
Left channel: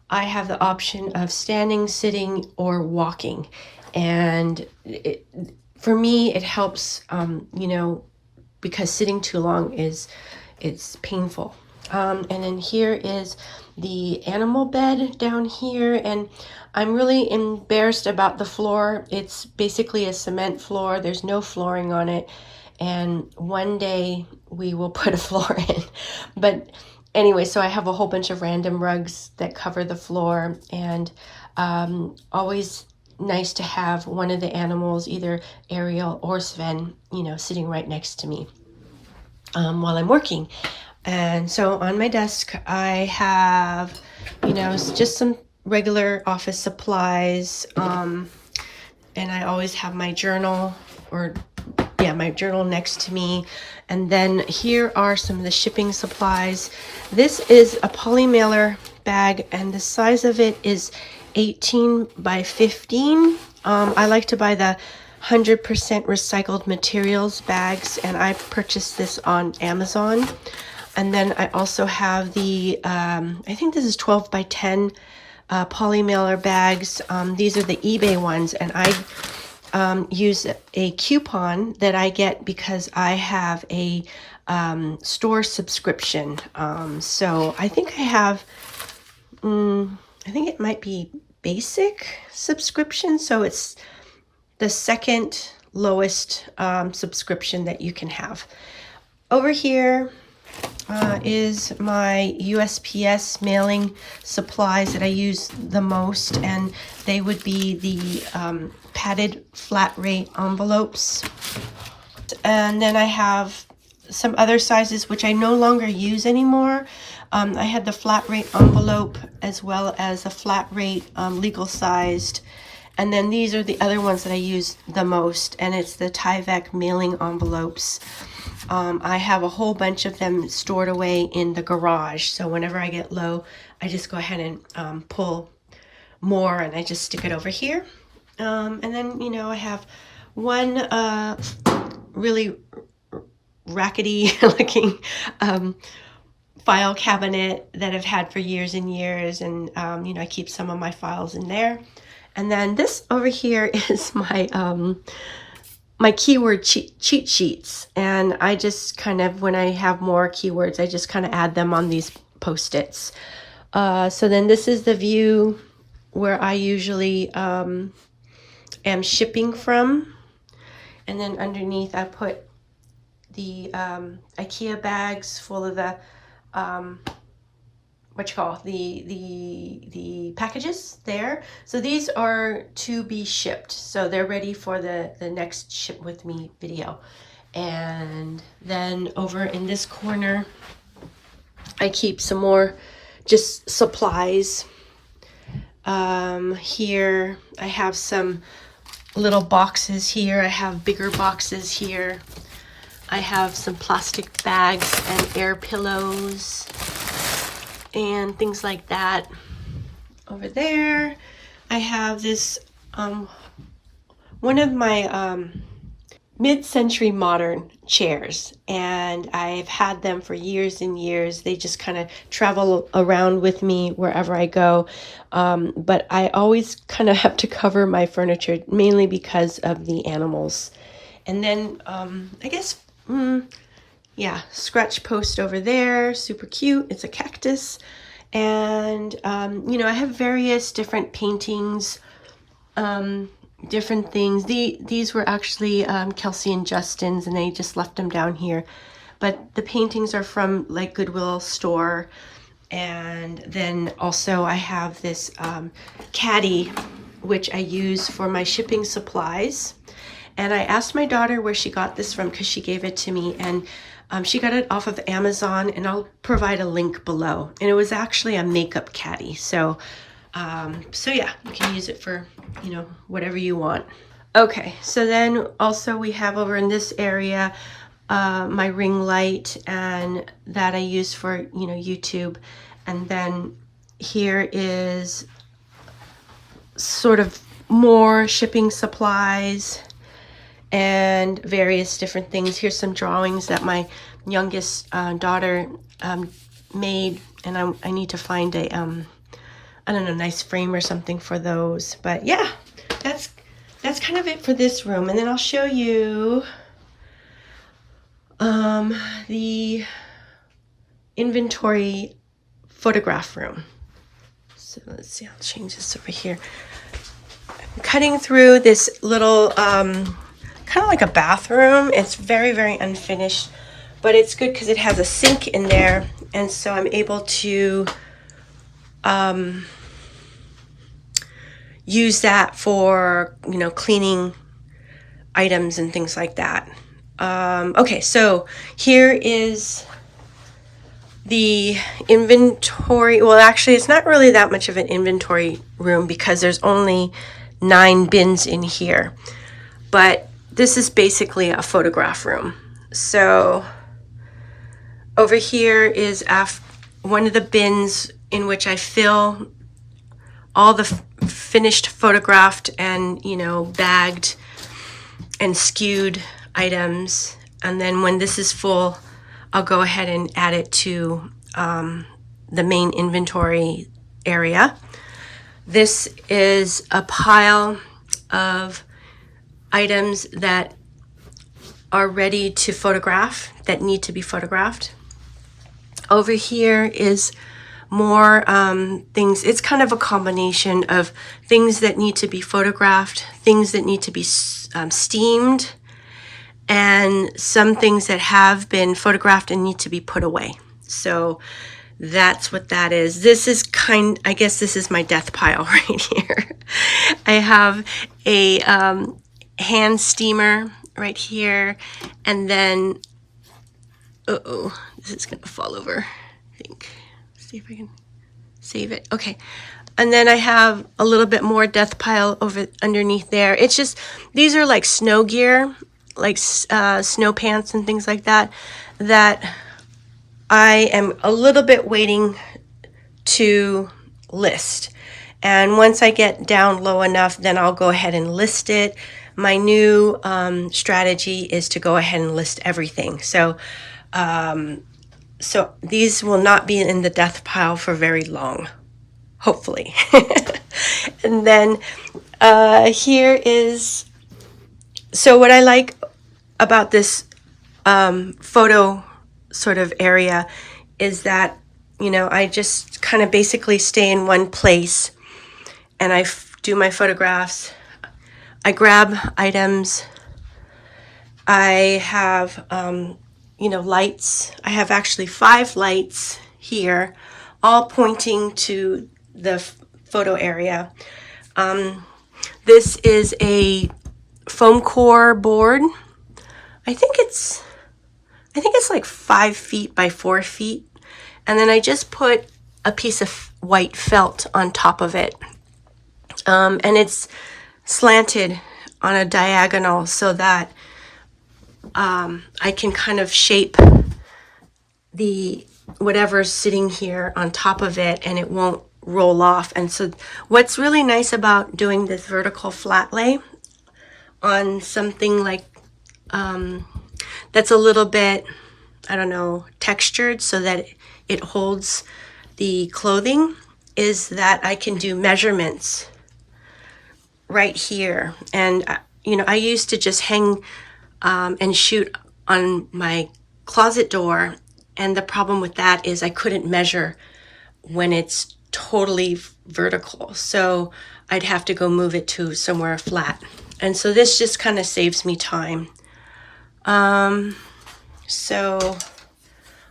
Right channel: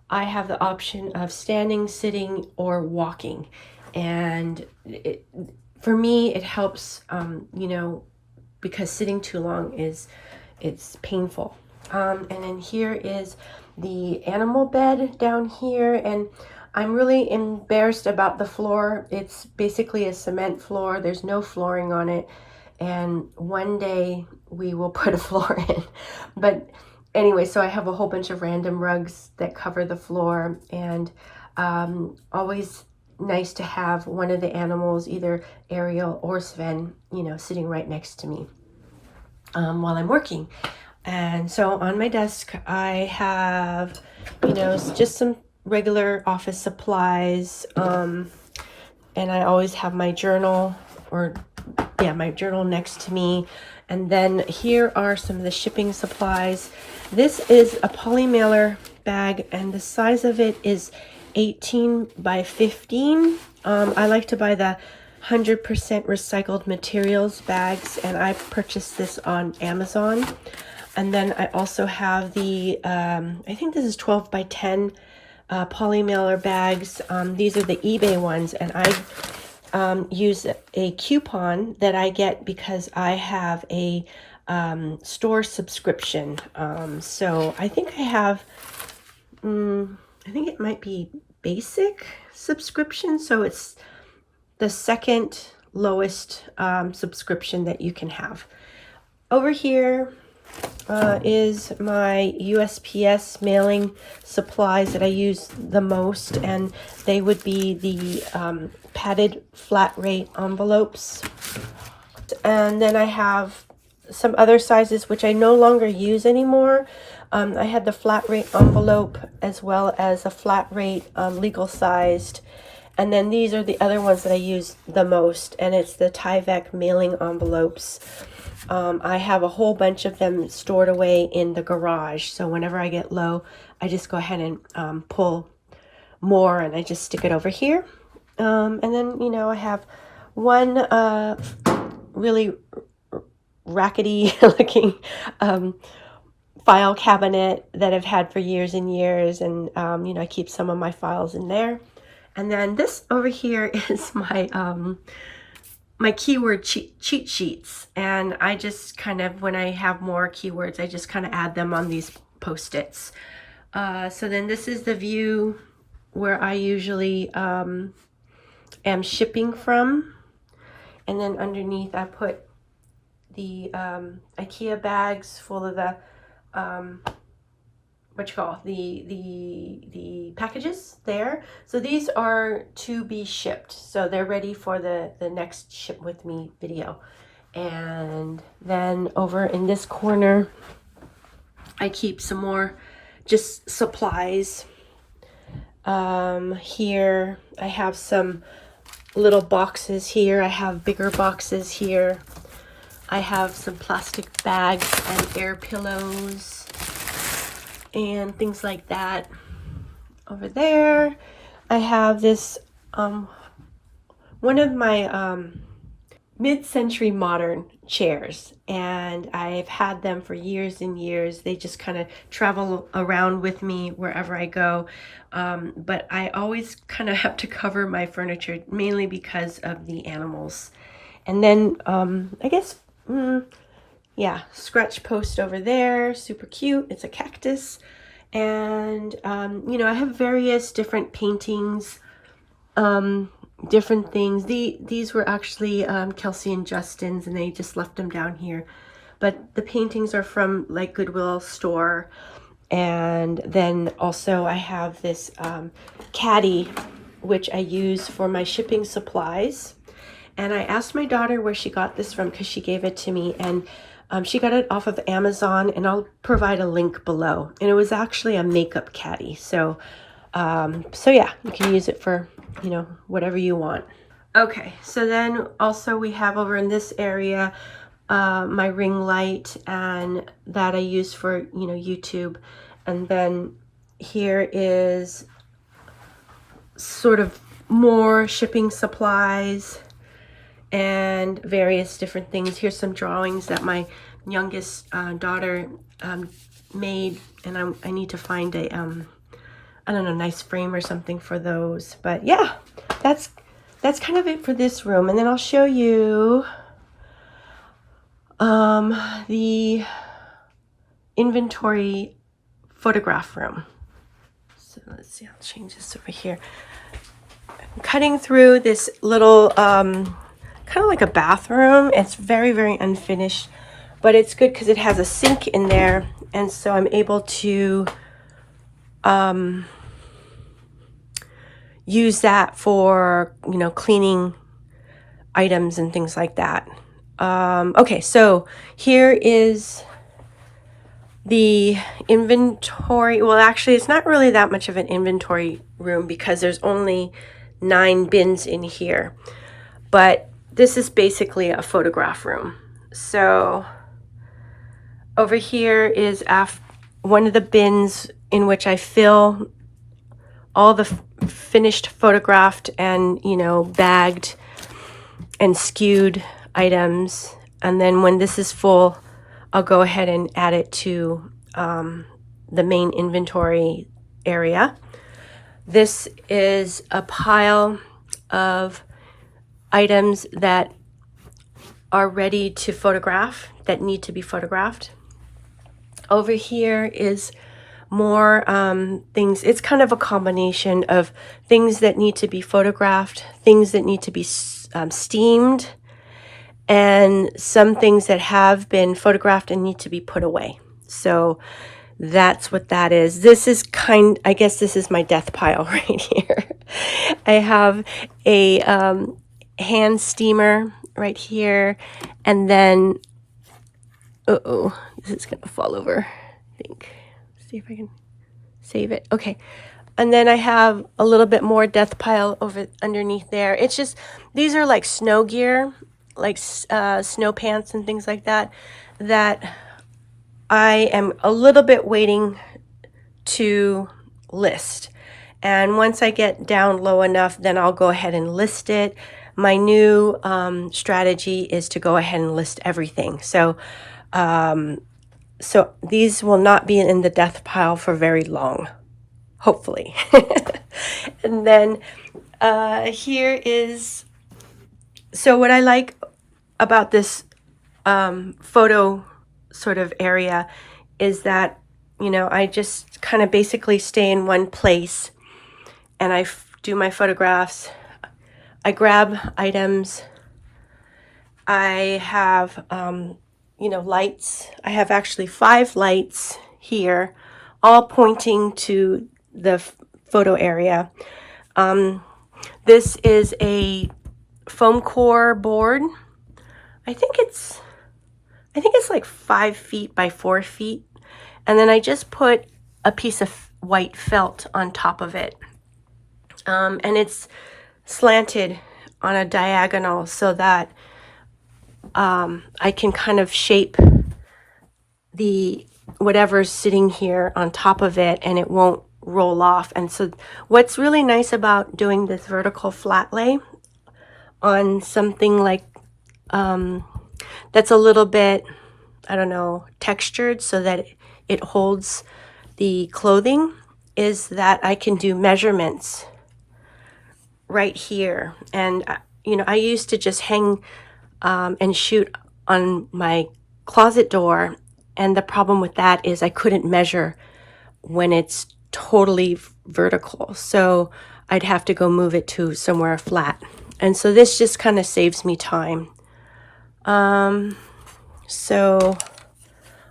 I have the option of standing, sitting, or walking. And for me, it helps, you know, because sitting too long it's painful. And then here is the animal bed down here, and I'm really embarrassed about the floor. It's basically a cement floor. There's no flooring on it, and one day we will put a floor in. But anyway, so I have a whole bunch of random rugs that cover the floor, and always nice to have one of the animals, either Ariel or Sven, you know, sitting right next to me while I'm working. And so on my desk I have, you know, just some regular office supplies, and I always have my journal, my journal next to me. And then here are some of the shipping supplies. This is a poly mailer bag, and the size of it is 18 by 15. I like to buy the 100% recycled materials bags, and I purchased this on Amazon. And then I also have the, I think this is 12 by 10 poly mailer bags. These are the eBay ones, and I use a coupon that I get because I have a store subscription. So I think I have, I think it might be basic subscription. So it's the second lowest subscription that you can have. Over here is my USPS mailing supplies that I use the most, and they would be the padded flat rate envelopes. And then I have some other sizes which I no longer use anymore. I had the flat rate envelope as well as a flat rate legal sized. And then these are the other ones that I use the most, and it's the Tyvek mailing envelopes. I have a whole bunch of them stored away in the garage, so whenever I get low, I just go ahead and pull more, and I just stick it over here. And then, you know, I have one really rackety looking file cabinet that I've had for years and years, and you know, I keep some of my files in there. And then this over here is my my keyword cheat sheets, and I just kind of, when I have more keywords, I just kind of add them on these post-its. So then this is the view where I usually am shipping from, and then underneath I put the IKEA bags full of the the packages there. So these are to be shipped, so they're ready for the next ship with me video. And then over in this corner I keep some more just supplies. Here I have some little boxes here, I have bigger boxes here, I have some plastic bags and air pillows. and things like that. Over there, I have this, one of my mid-century modern chairs, and I've had them for years and years. They just kind of travel around with me wherever I go, but I always kind of have to cover my furniture, mainly because of the animals. And then I guess, yeah, scratch post over there, super cute. It's a cactus. And you know, I have various different paintings, different things. These were actually Kelsey and Justin's, and they just left them down here. But the paintings are from like Goodwill store. And then also I have this caddy, which I use for my shipping supplies. And I asked my daughter where she got this from because she gave it to me, and she got it off of Amazon, and I'll provide a link below. And it was actually a makeup caddy. So yeah, you can use it for, you know, whatever you want. Okay, so then also we have over in this area my ring light, and that I use for, you know, YouTube. And then here is sort of more shipping supplies and various different things. Here's some drawings that my youngest daughter made, and I need to find a I don't know, nice frame or something for those. But yeah, that's kind of it for this room. And then I'll show you the inventory photograph room. So let's see, I'll change this over here. I'm cutting through this little kind of like a bathroom. It's very, very unfinished, but it's good because it has a sink in there, and so I'm able to use that for, you know, cleaning items and things like that. Okay, so here is the inventory. Well, actually, it's not really that much of an inventory room because there's only 9 bins in here, but this is basically a photograph room. So over here is one of the bins in which I fill all the finished photographed and, you know, bagged and skewed items. And then when this is full, I'll go ahead and add it to the main inventory area. This is a pile of items that are ready to photograph, that need to be photographed. Over here is more things. It's kind of a combination of things that need to be photographed, things that need to be steamed, and some things that have been photographed and need to be put away. So that's what that is. This is I guess this is my death pile right here. I have a hand steamer right here, and then this is gonna fall over, I think. See if I can save it. Okay, and then I have a little bit more death pile over underneath there. It's just, these are like snow gear, like snow pants and things like that, that I am a little bit waiting to list. And once I get down low enough, then I'll go ahead and list it. My new strategy is to go ahead and list everything. So these will not be in the death pile for very long, hopefully. And then here is, so what I like about this photo sort of area is that, you know, I just kind of basically stay in one place and I do my photographs. I grab items. I have, you know, lights. I have actually 5 lights here, all pointing to the photo area. This is a foam core board. I think it's like 5 feet by 4 feet. And then I just put a piece of white felt on top of it. And it's slanted on a diagonal so that I can kind of shape the whatever's sitting here on top of it, and it won't roll off. And so what's really nice about doing this vertical flat lay on something like that's a little bit, I don't know, textured so that it holds the clothing, is that I can do measurements right here. And you know, I used to just hang and shoot on my closet door, and the problem with that is I couldn't measure when it's totally vertical, so I'd have to go move it to somewhere flat. And so this just kind of saves me time. So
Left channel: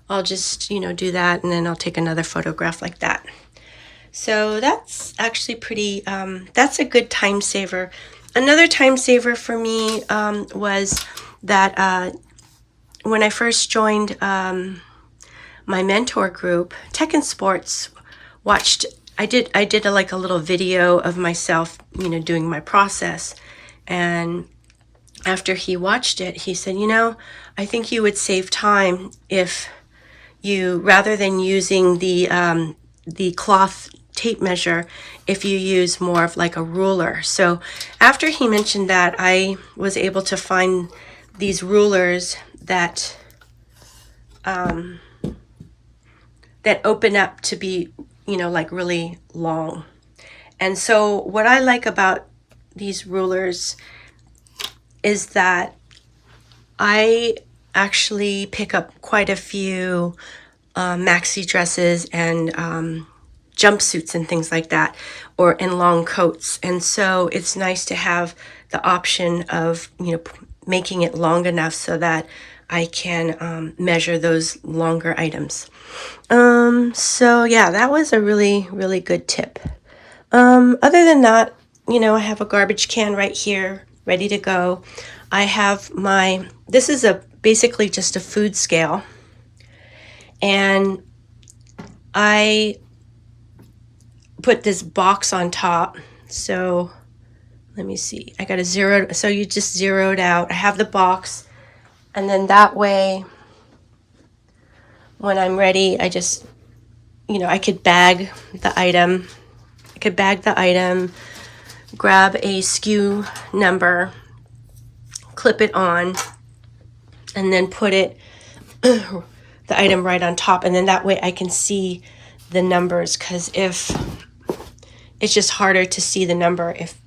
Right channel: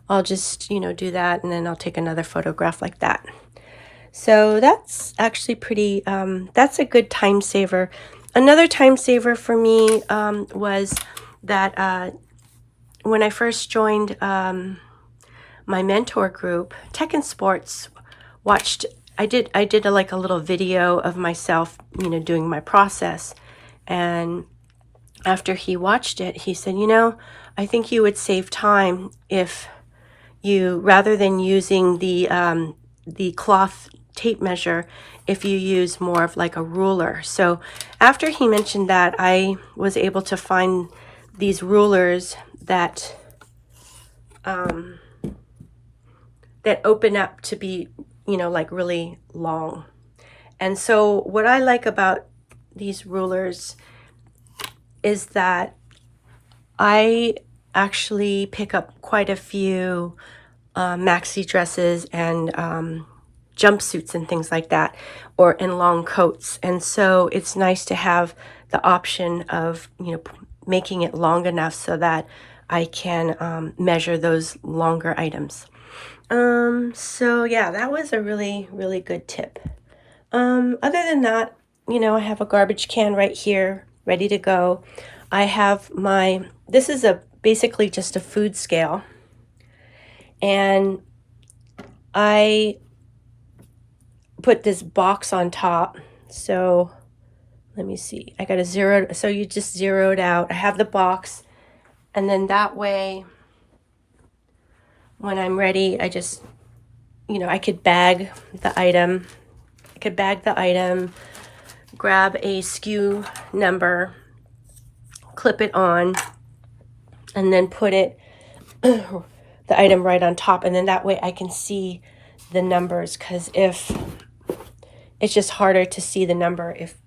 I'll just, you know, do that, and then I'll take another photograph like that. So that's actually pretty, that's a good time saver. Another time saver for me was that when I first joined my mentor group, Tech and Sports, I did like a little video of myself, you know, doing my process. And after he watched it, he said, you know, I think you would save time if you, rather than using the cloth tape measure, if you use more of like a ruler. So after he mentioned that, I was able to find these rulers that that open up to be, you know, like really long. And so what I like about these rulers is that I actually pick up quite a few maxi dresses and jumpsuits and things like that, or in long coats. And so it's nice to have the option of, you know, making it long enough so that I can measure those longer items. So yeah, that was a really, really good tip. Other than that, you know, I have a garbage can right here, ready to go. I have this is basically just a food scale. And I put this box on top. So let me see, I got a zero. So you just zero it out. I have the box. And then that way, when I'm ready, I just, you know, I could bag the item. Grab a SKU number, clip it on, and then put it, the item right on top. And then that way I can see the numbers, because if it's just harder to see the number if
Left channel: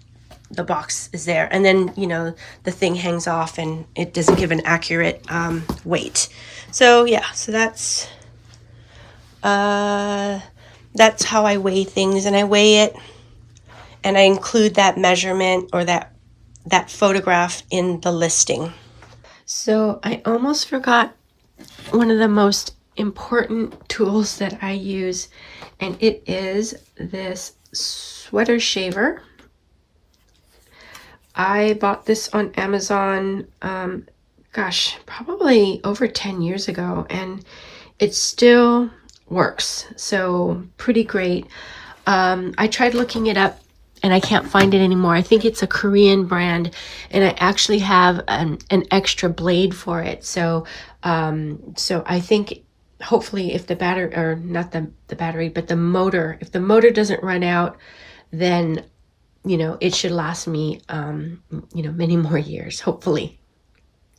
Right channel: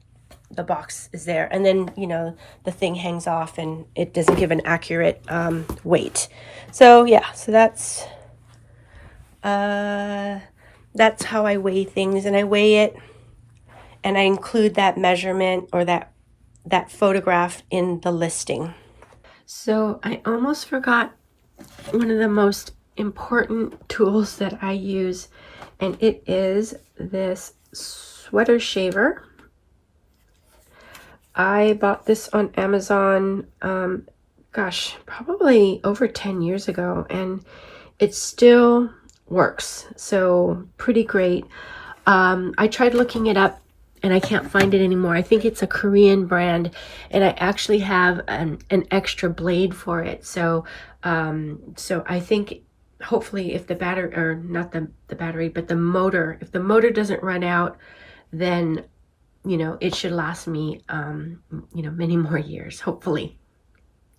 the box is there. And then, you know, the thing hangs off and it doesn't give an accurate weight. So yeah, so that's how I weigh things, and I weigh it and I include that measurement or that photograph in the listing. So I almost forgot one of the most important tools that I use, and it is this sweater shaver. I bought this on Amazon, gosh, probably over 10 years ago, and it still works. So pretty great. I tried looking it up and I can't find it anymore. I think it's a Korean brand, and I actually have an extra blade for it. So I think hopefully if the battery, or not the battery, but the motor, if the motor doesn't run out, then, you know, it should last me, you know, many more years, hopefully.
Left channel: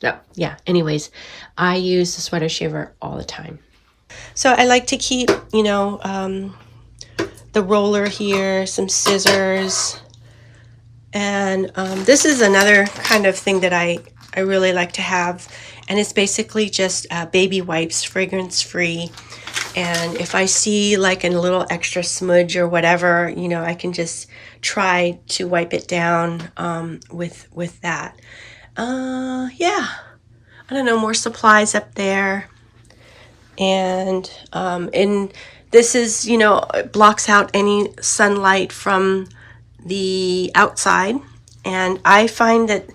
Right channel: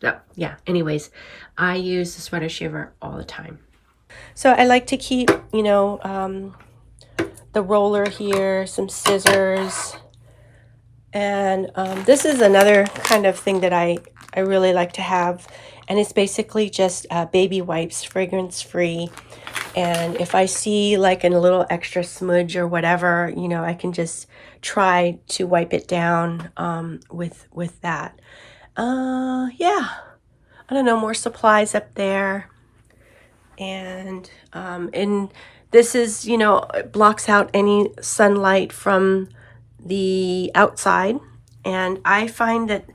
So yeah, anyways, I use the sweater shaver all the time. So I like to keep, you know, the roller here, some scissors, and this is another kind of thing that I really like to have, and it's basically just baby wipes, fragrance free. And if I see like a little extra smudge or whatever, you know, I can just try to wipe it down with that. Yeah, I don't know, more supplies up there. And this is, you know, it blocks out any sunlight from the outside. And I find that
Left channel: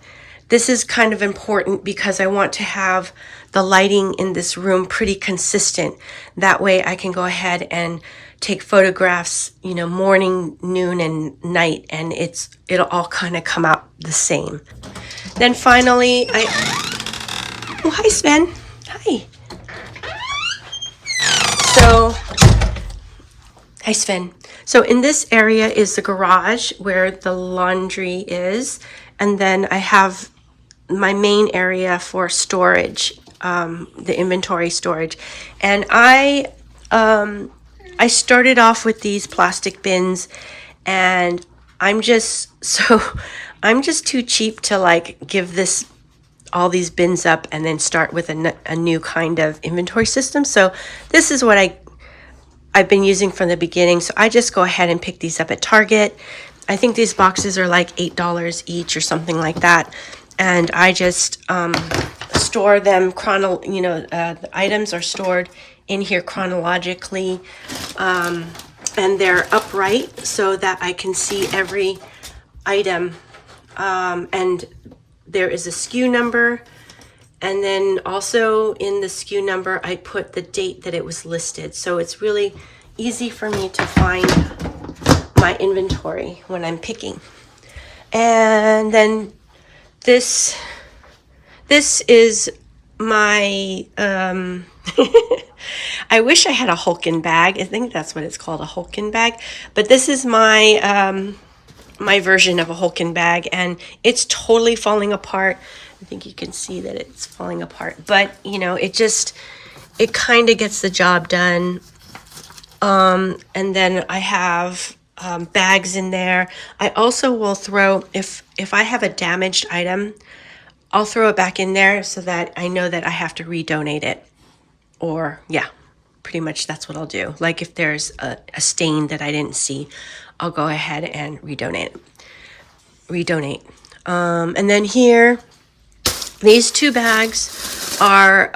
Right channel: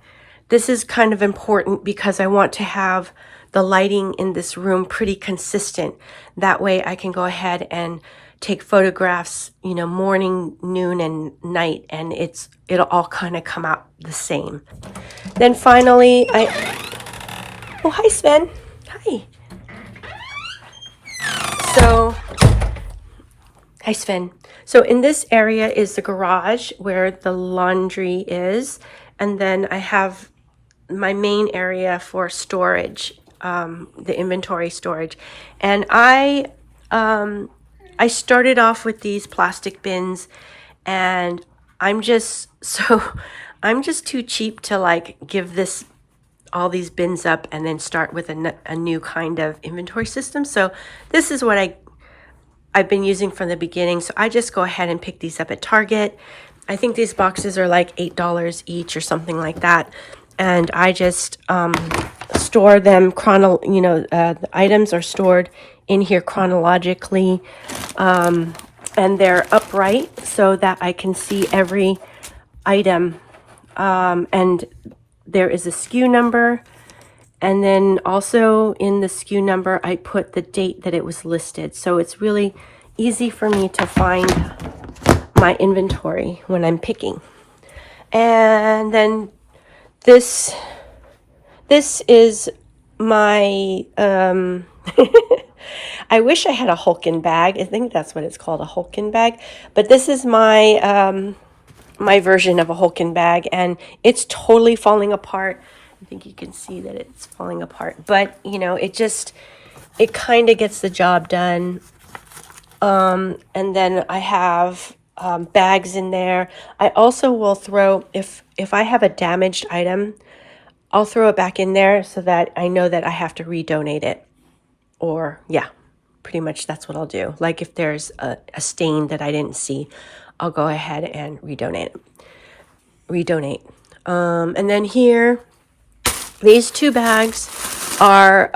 this is kind of important because I want to have the lighting in this room pretty consistent. That way I can go ahead and take photographs, you know, morning, noon, and night, and it'll all kind of come out the same. Then finally, oh, hi, Sven. Hi. So Hi, Sven. So in this area is the garage where the laundry is. And then I have my main area for storage, the inventory storage. And I started off with these plastic bins, and I'm just I'm just too cheap to like give this all these bins up and then start with a new kind of inventory system. So this is what I've been using from the beginning. So I just go ahead and pick these up at Target. I think these boxes are like $8 each or something like that. And I just store them the items are stored in here chronologically. And they're upright so that I can see every item. And there is a SKU number. And then also in the SKU number, I put the date that it was listed. So it's really easy for me to find my inventory when I'm picking. And then this is my, I wish I had a Hulkin bag. I think that's what it's called, a Hulkin bag. But this is my, my version of a Hulkin bag, and it's totally falling apart. I think you can see that it's falling apart, but you know, it kind of gets the job done. And then I have bags in there. I also will throw, if I have a damaged item, I'll throw it back in there so that I know that I have to redonate it. Or yeah, pretty much that's what I'll do. Like if there's a stain that I didn't see, I'll go ahead and redonate. And then here, these two bags are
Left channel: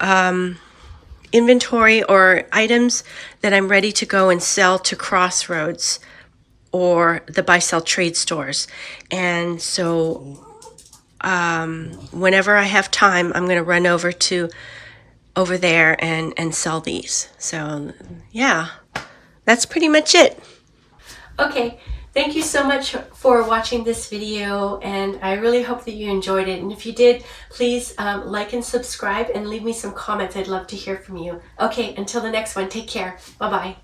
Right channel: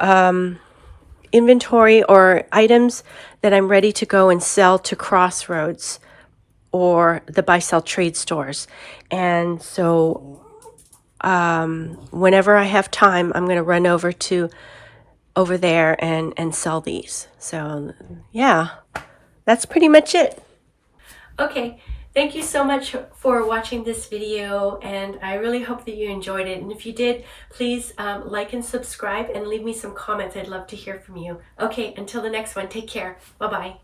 inventory or items that I'm ready to go and sell to Crossroads or the buy-sell trade stores. And so whenever I have time, I'm going to run over there and sell these. So yeah, that's pretty much it. Okay, thank you so much for watching this video, and I really hope that you enjoyed it. And if you did, please like and subscribe and leave me some comments. I'd love to hear from you. Okay, until the next one, take care. Bye-bye.